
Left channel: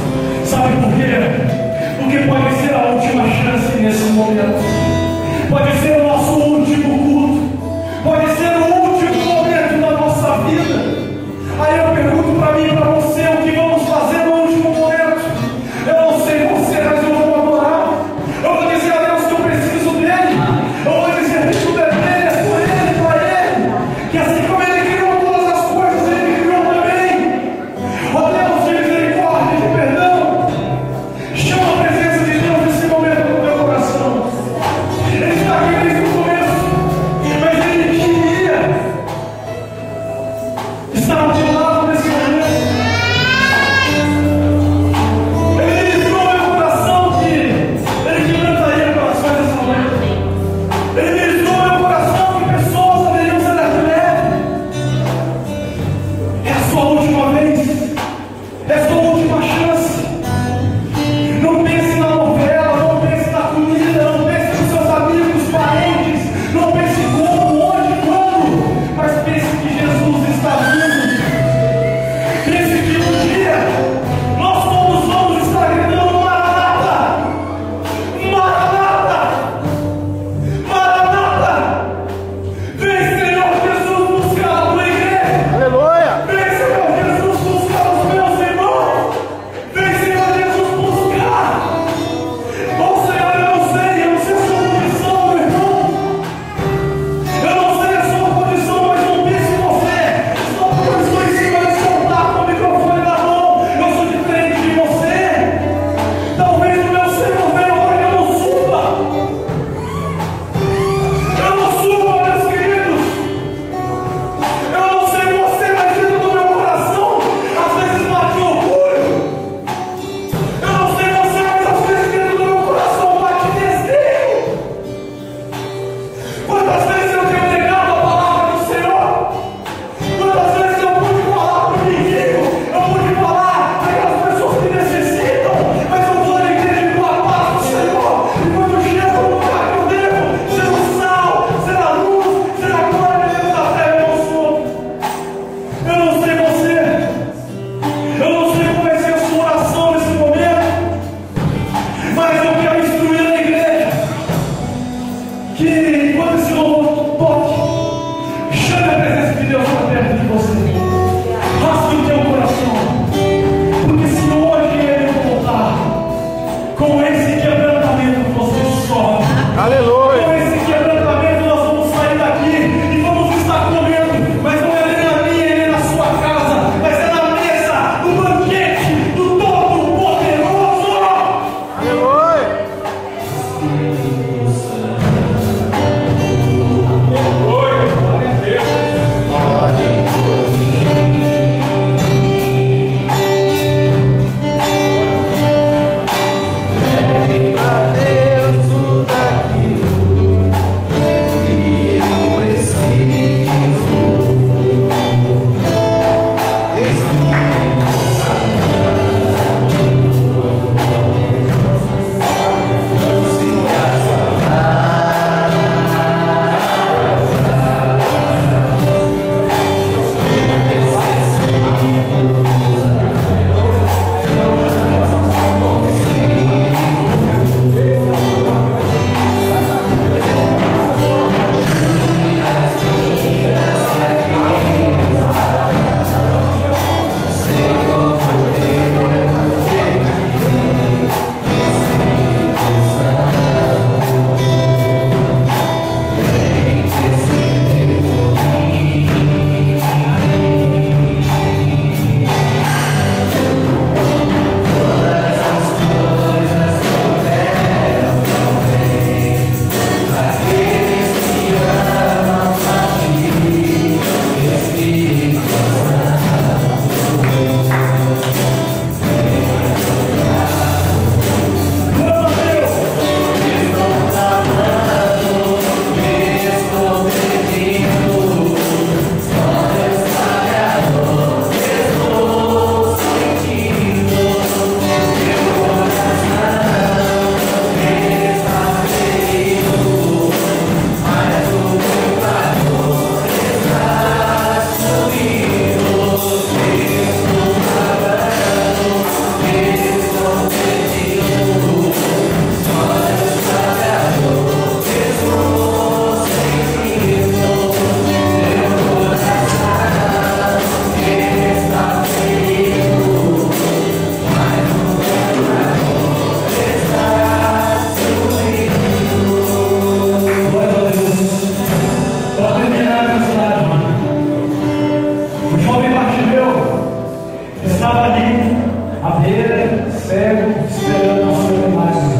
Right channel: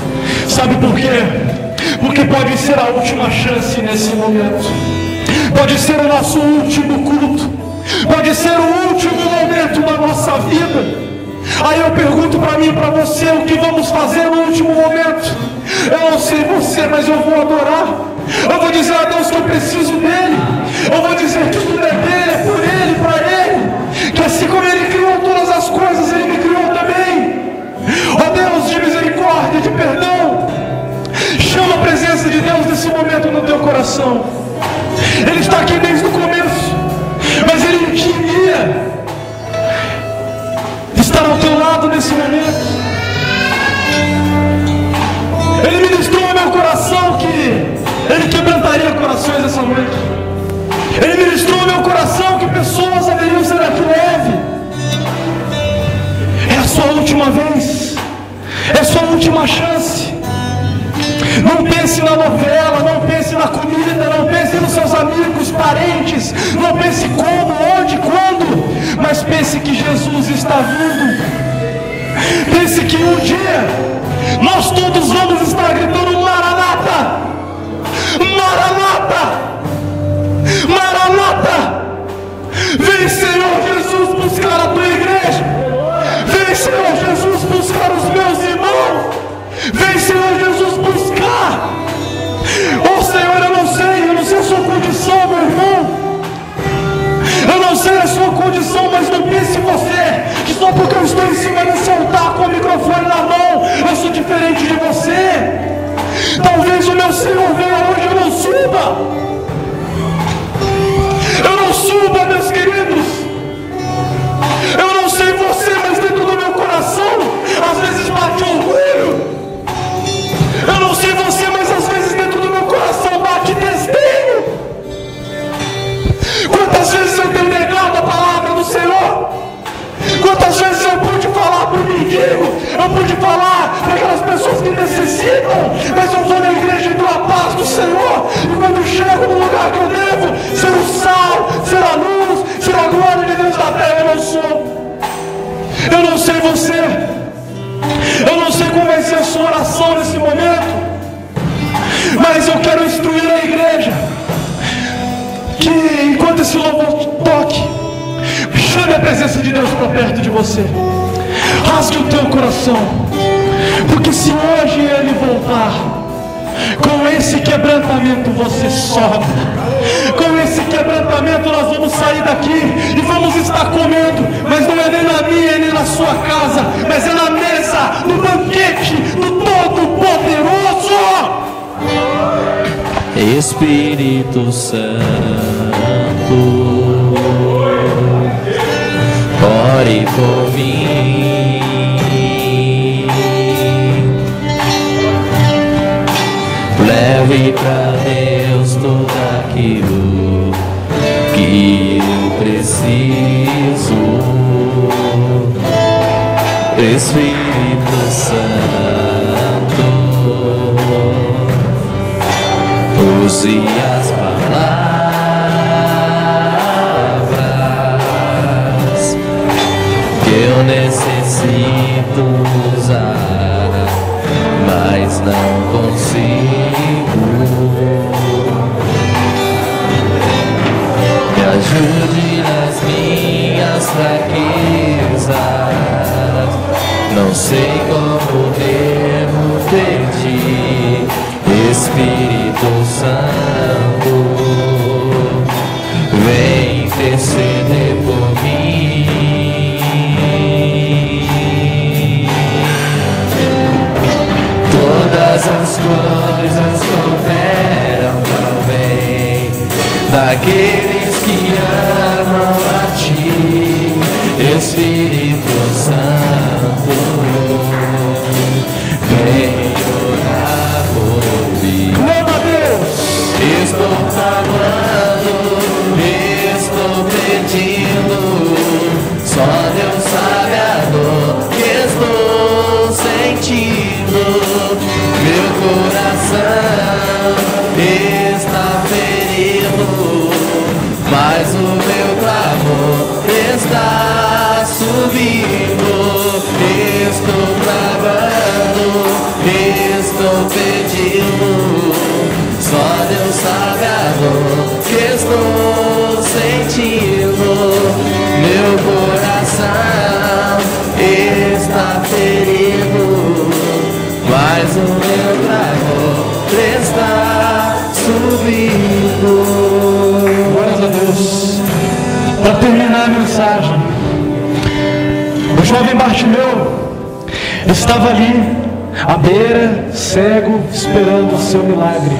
Sabe por quê? Porque pode ser a última chance nesse momento. Pode ser o nosso último culto. Pode ser o último momento da nossa vida. Aí eu pergunto para mim e para você: o que vamos fazer no último momento? Eu não sei você, mas eu vou adorar. Eu vou dizer a Deus que eu preciso dele. Eu vou dizer que tudo é dele, é por ele, para ele. Que assim como ele criou todas as coisas, ele me criou também. Ó Deus de misericórdia, de perdão, chama a presença de Deus nesse momento no meu coração. Ele está aqui desde o começo, mas ele queria estar ao teu lado nesse momento. Ele ministrou no meu coração que ele quebrantaria corações nessa noite. Ele ministrou no meu coração que pessoas deveriam ser leve. É a sua última vez. É a sua última chance. Não pense na novela, não pense na comida, não pense nos seus amigos, parentes, não pense como, onde, quando, mas pense que Jesus está vindo. Pense que um dia nós todos vamos estar gritando: Maranata! Maranata! Maranata! Vem, Senhor Jesus, buscar a tua igreja. Vem, Senhor Jesus, buscar os meus irmãos. Vem, Senhor Jesus, buscar. Oh, Senhor, eu não sei a sua condição, meu irmão. Eu não sei a sua condição, mas não pense em você. Só porque eu estou em cima desse altar com o microfone na mão, eu sou diferente de você. Talvez o meu Senhor venha hoje, eu não suba. Eu não suba, meus queridos. Eu não sei você, mas dentro do meu coração às vezes bate orgulho. Eu não sei você, mas às vezes dentro do meu coração bate desdém. Quantas vezes eu tenho negado a palavra do Senhor? Quantas vezes eu pude falar para o mendigo? Eu pude falar para aquelas pessoas que necessitam, mas eu estou na igreja com a paz do Senhor. E quando chego no lugar que eu devo ser o sal, ser a luz, ser a glória de Deus da terra, eu não sou. Eu não sei você. Eu não sei como vai ser a sua oração nesse momento, mas eu quero instruir a igreja que enquanto esse louvor toque, chame a presença de Deus para perto de você. Rasgue o teu coração, porque se hoje ele voltar, com esse quebrantamento você sobe. Com esse quebrantamento nós vamos sair daqui e vamos estar comendo, mas não é nem na minha, nem na sua casa, mas é na mesa, no banquete do Todo-Poderoso. Espírito Santo, ore por mim. Leve pra Deus tudo aquilo que eu preciso. Espírito Santo, use as palavras estava ali, à beira, cego, esperando o seu milagre.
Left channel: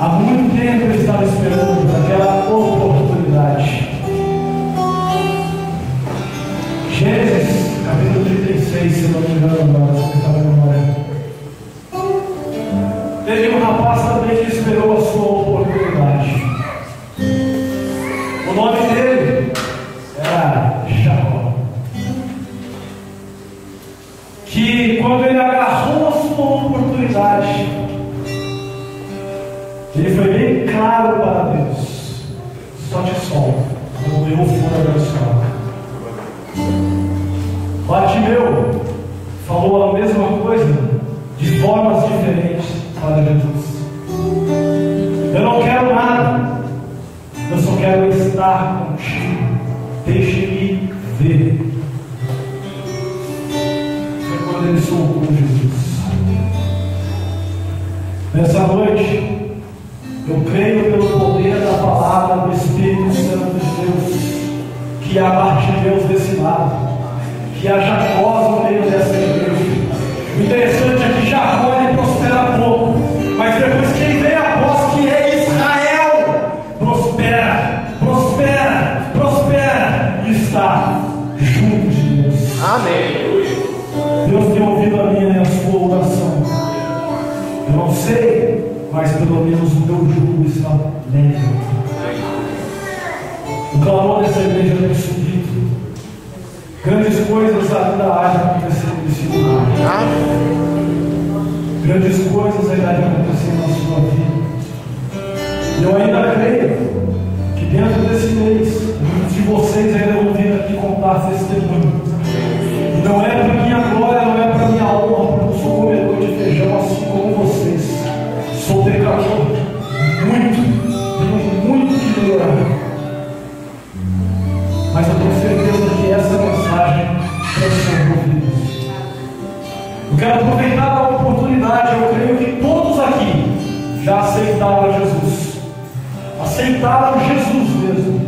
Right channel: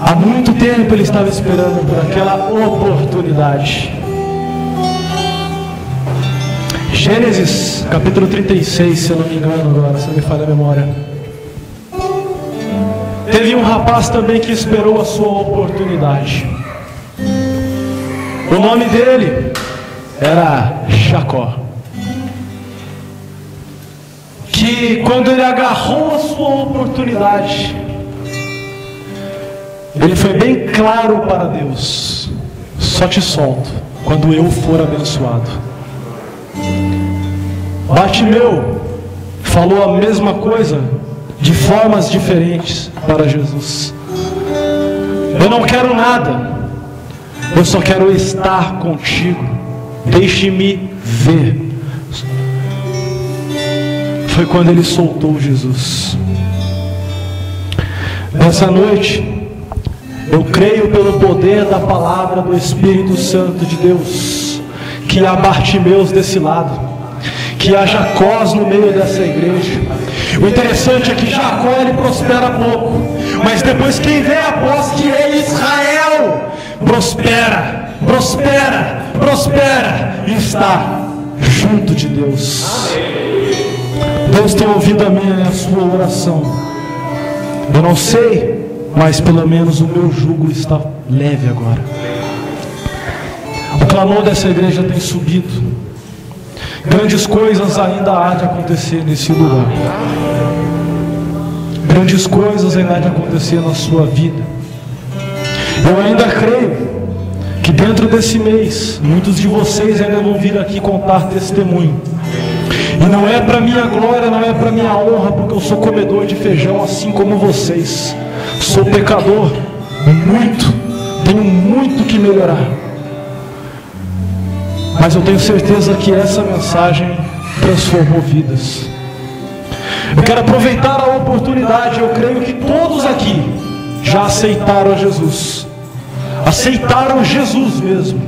Há muito tempo ele estava esperando por aquela oportunidade. Gênesis, capítulo 36, se eu não me engano agora, se me falha a memória. Teve um rapaz também que esperou a sua oportunidade. O nome dele era Jacó. Que quando ele agarrou a sua oportunidade, ele foi bem claro para Deus: só te solto quando eu for abençoado. Bartimeu falou a mesma coisa de formas diferentes para Jesus. Eu não quero nada, eu só quero estar contigo, deixe-me ver. Foi quando ele soltou Jesus. Nessa noite, eu creio pelo poder da palavra do Espírito Santo de Deus, que há Bartimeus desse lado, que há Jacós no meio dessa igreja. O interessante é que Jacó ele prospera pouco, mas depois quem vê após que é Israel, prospera, prospera, prospera e está junto de Deus. Amém. Deus tem ouvido a minha e a sua oração. Eu não sei, mas pelo menos o meu jugo está leve agora. O clamor dessa igreja tem subido. Grandes coisas ainda há de acontecer nesse lugar. Grandes coisas irá de acontecer na sua vida. Eu ainda creio que dentro desse mês, muitos de vocês irão vir aqui contar testemunho. E não é para minha glória, não é para minha honra, porque eu sou comedor de feijão assim como vocês. Sou pecador, tenho muito que melhorar. Mas eu tenho certeza que essa mensagem transformou vidas. Eu quero aproveitar a oportunidade. Eu creio que todos aqui já aceitaram a Jesus. Aceitaram Jesus mesmo.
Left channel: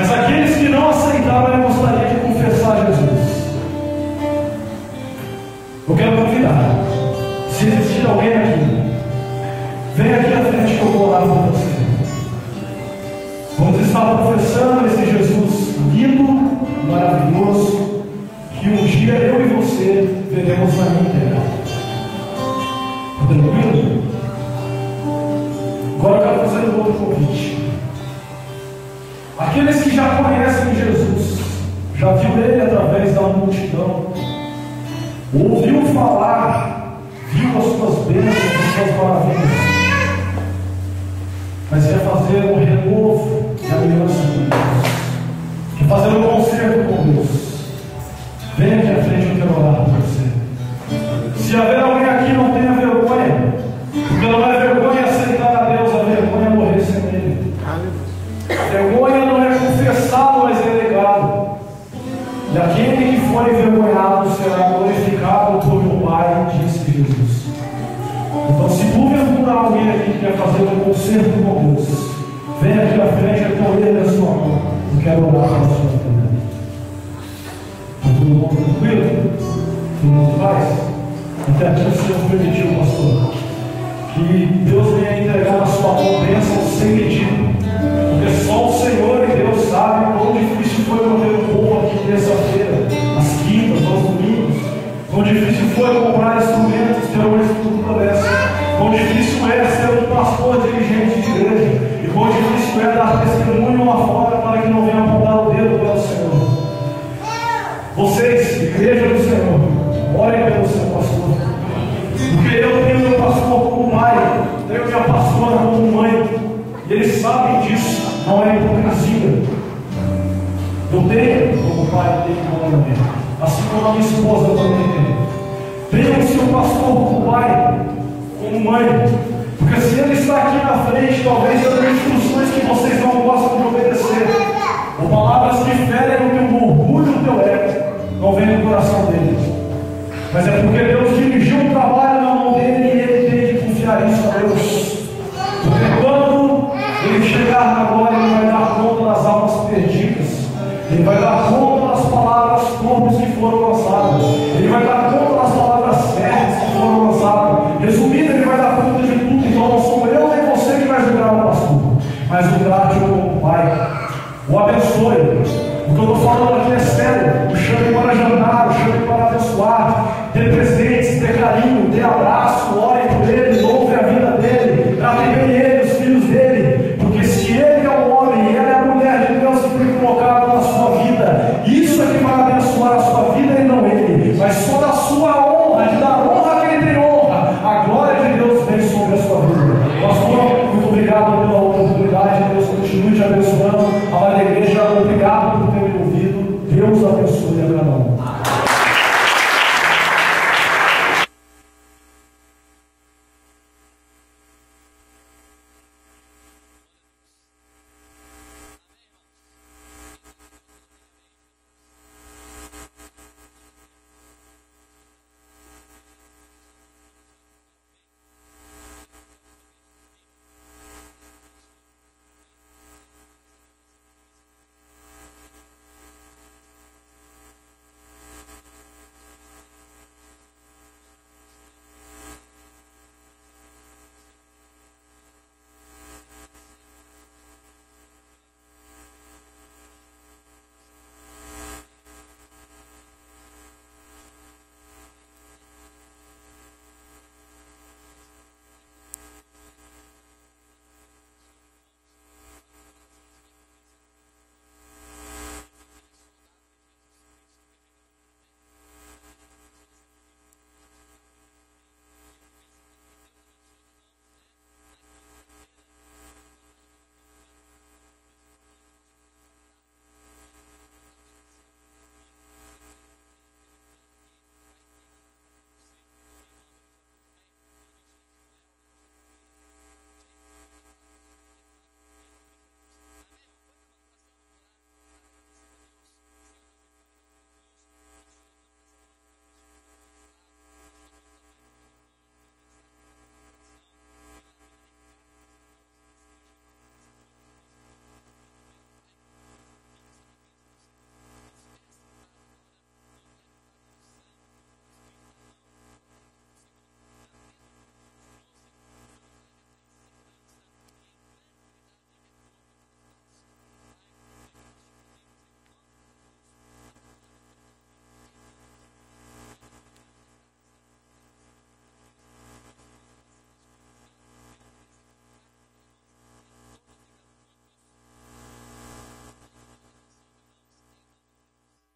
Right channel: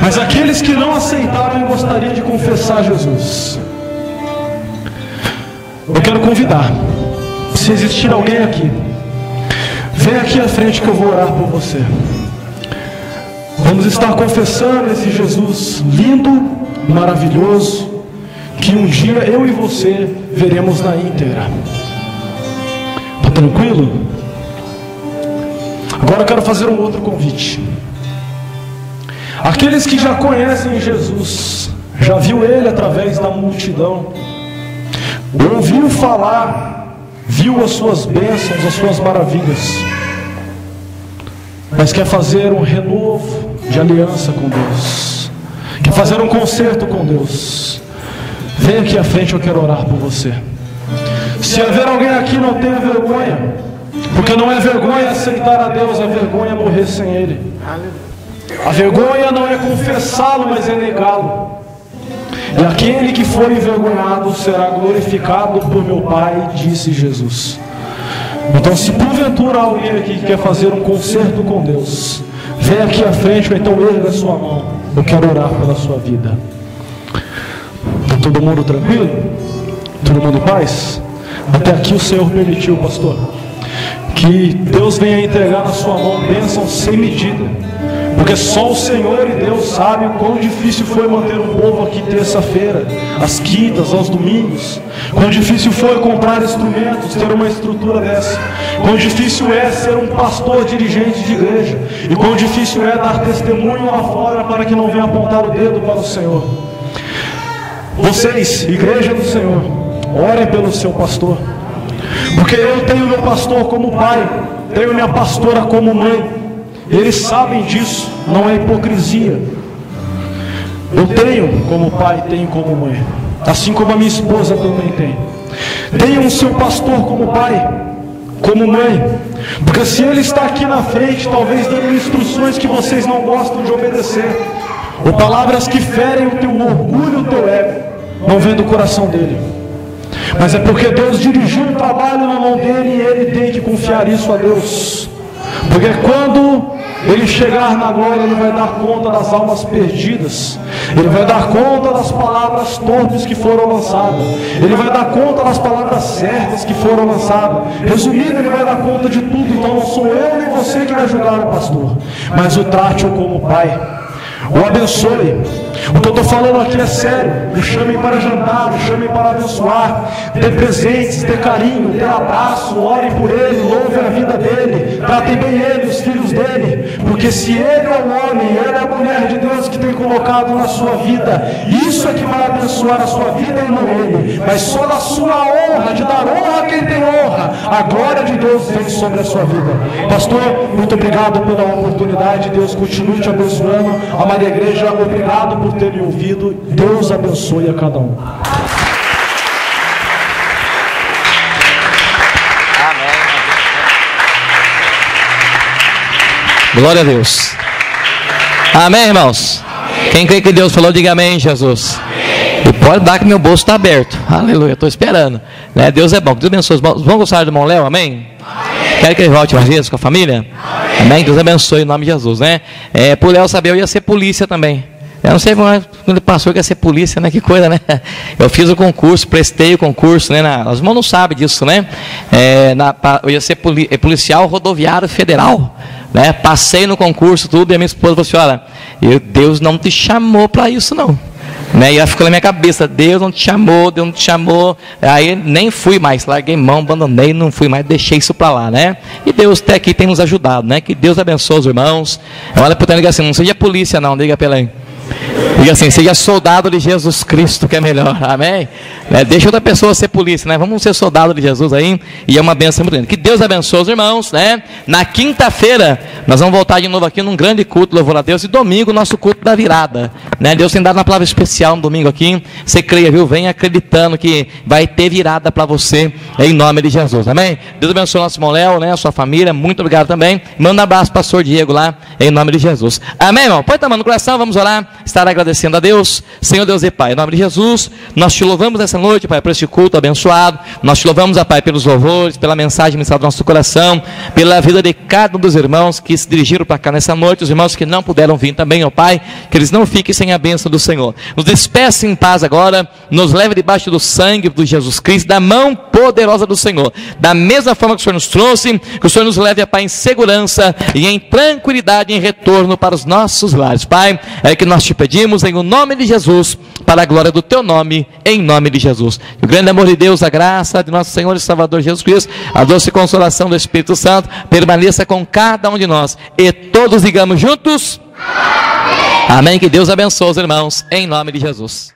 Mas aqueles que não aceitaram, eu gostaria de confessar Jesus. Eu quero convidar. Se existe alguém aqui, vem aqui à frente que eu vou orar por você. Vamos estar confessando esse Jesus lindo, maravilhoso, que um dia eu e você veremos na íntegra. Está tranquilo? Agora eu quero fazer um outro convite. Aqueles que já conhecem Jesus, já viu Ele através da multidão, ouviu falar, viu as suas bênçãos, as suas maravilhas, mas quer fazer um renovo de aliança com Deus, quer fazer um concerto com Deus, vem aqui à frente, eu quero orar por você. Se haver alguém aqui que não tem vergonha, porque não é vergonha aceitar a Deus, é vergonha morrer sem Ele. A vergonha não é confessá-lo, mas é negá-lo. E aquele que foi envergonhado será glorificado por meu Pai, disse Jesus. Então, se porventura alguém aqui quer fazer um concerto com Deus, vem aqui à frente, ou então erga a sua mão. Eu quero orar pela sua vida. Está todo mundo tranquilo? Todo mundo em paz? Até aqui o Senhor permitiu, pastor, que Deus venha entregar na sua mão bênção sem medida. Porque só o Senhor e Deus sabem quão difícil foi manter o povo aqui terça-feira, às quintas, aos domingos. Quão difícil foi comprar instrumentos, ter uma estrutura dessa. Quão difícil é ser um pastor dirigente de igreja. E quão difícil é dar testemunho lá fora para que não venha apontar o dedo para o Senhor. Vocês, igreja do Senhor, olhem pelo seu pastor. Porque eu tenho meu pastor como pai, tenho minha pastora como mãe. Eles sabem disso, não é hipocrisia. Eu tenho como pai, tenho como mãe, assim como a minha esposa também tem. Tenho o seu pastor como pai, como mãe, porque se ele está aqui na frente, talvez dando instruções que vocês não gostam de obedecer, ou palavras que ferem o orgulho do teu ego, não vem do coração dele. Mas é porque Deus dirigiu o trabalho na mão dele e ele tem que confiar isso a Deus. Porque quando ele chegar na glória, ele vai dar conta das almas perdidas. Ele vai dar conta das palavras tortas que foram lançadas. Ele vai dar conta das palavras certas que foram lançadas. Resumindo, Ele vai dar conta de tudo. Então não sou eu e você que vai ajudar o pastor, mas o Tátio como pai. O abençoe. O que eu estou falando aqui é sério. O chame para jantar, o chame para abençoar. Dê presentes, dê carinho, dê abraço, ore por ele, louve a vida dele, trate bem ele, os filhos dele. Porque se ele é o homem, ele é a mulher de Deus que tem colocado na sua vida, isso é que vai abençoar a sua vida e não ele. Mas só a sua honra, de dar honra a quem tem honra, a glória de Deus vem sobre a sua vida. Pastor, muito obrigado pela oportunidade. Deus continue te abençoando. A igreja, obrigado por ter me ouvido. Deus abençoe a cada um. Glória a Deus. Amém, irmãos? Amém. Quem crê que Deus falou, diga amém, Jesus. Amém. E pode dar que meu bolso está aberto. Aleluia, estou esperando. Né? Deus é bom. Deus abençoe. Vamos gostar do irmão Léo, amém? Amém. Quer que ele volte mais vezes com a família? Amém. Amém? Deus abençoe em nome de Jesus, né? Por Léo saber, eu ia ser polícia também. Eu não sei quando ele passou que ia ser polícia, né? Que coisa, né? Eu fiz o concurso, prestei o concurso, né? Os irmãos não sabem disso, né? Eu ia ser policial rodoviário federal, né? Passei no concurso, tudo, e a minha esposa falou assim: olha, Deus não te chamou para isso, não. Né? E ela ficou na minha cabeça: Deus não te chamou, Deus não te chamou. Aí nem fui mais, larguei mão, abandonei, não fui mais, deixei isso para lá, né? E Deus até aqui tem nos ajudado, né? Que Deus abençoe os irmãos. Olha para o diga assim: não seja polícia, não, diga para ele. Diga assim: seja soldado de Jesus Cristo, que é melhor, amém? Deixa outra pessoa ser polícia, né? Vamos ser soldado de Jesus aí, e é uma bênção muito grande. Que Deus abençoe os irmãos, né? Na quinta-feira, nós vamos voltar de novo aqui num grande culto, louvor a Deus, e domingo, nosso culto da virada, né? Deus tem dado uma palavra especial no domingo aqui, você creia, viu? Vem acreditando que vai ter virada para você, em nome de Jesus, amém? Deus abençoe o nosso irmão Léo, né? A sua família, muito obrigado também. Manda um abraço para o pastor Diego lá, em nome de Jesus, amém, irmão? Põe a mão no coração, vamos orar, estar agradecendo a Deus. Senhor Deus e Pai, em nome de Jesus, nós te louvamos essa noite, Pai, por este culto abençoado. Nós te louvamos, Pai, pelos louvores, pela mensagem ministrada do nosso coração, pela vida de cada um dos irmãos que se dirigiram para cá nessa noite, os irmãos que não puderam vir também, ó Pai, que eles não fiquem sem a bênção do Senhor. Nos despeça em paz agora, nos leve debaixo do sangue de Jesus Cristo, da mão poderosa do Senhor, da mesma forma que o Senhor nos trouxe, que o Senhor nos leve, Pai, em segurança e em tranquilidade, em retorno para os nossos lares. Pai, é que nós te pedimos em nome de Jesus, para a glória do teu nome, em nome de Jesus. O grande amor de Deus, a graça de nosso Senhor e Salvador Jesus Cristo, a doce consolação do Espírito Santo, permaneça com cada um de nós, e todos digamos juntos, amém. Que Deus abençoe os irmãos, em nome de Jesus.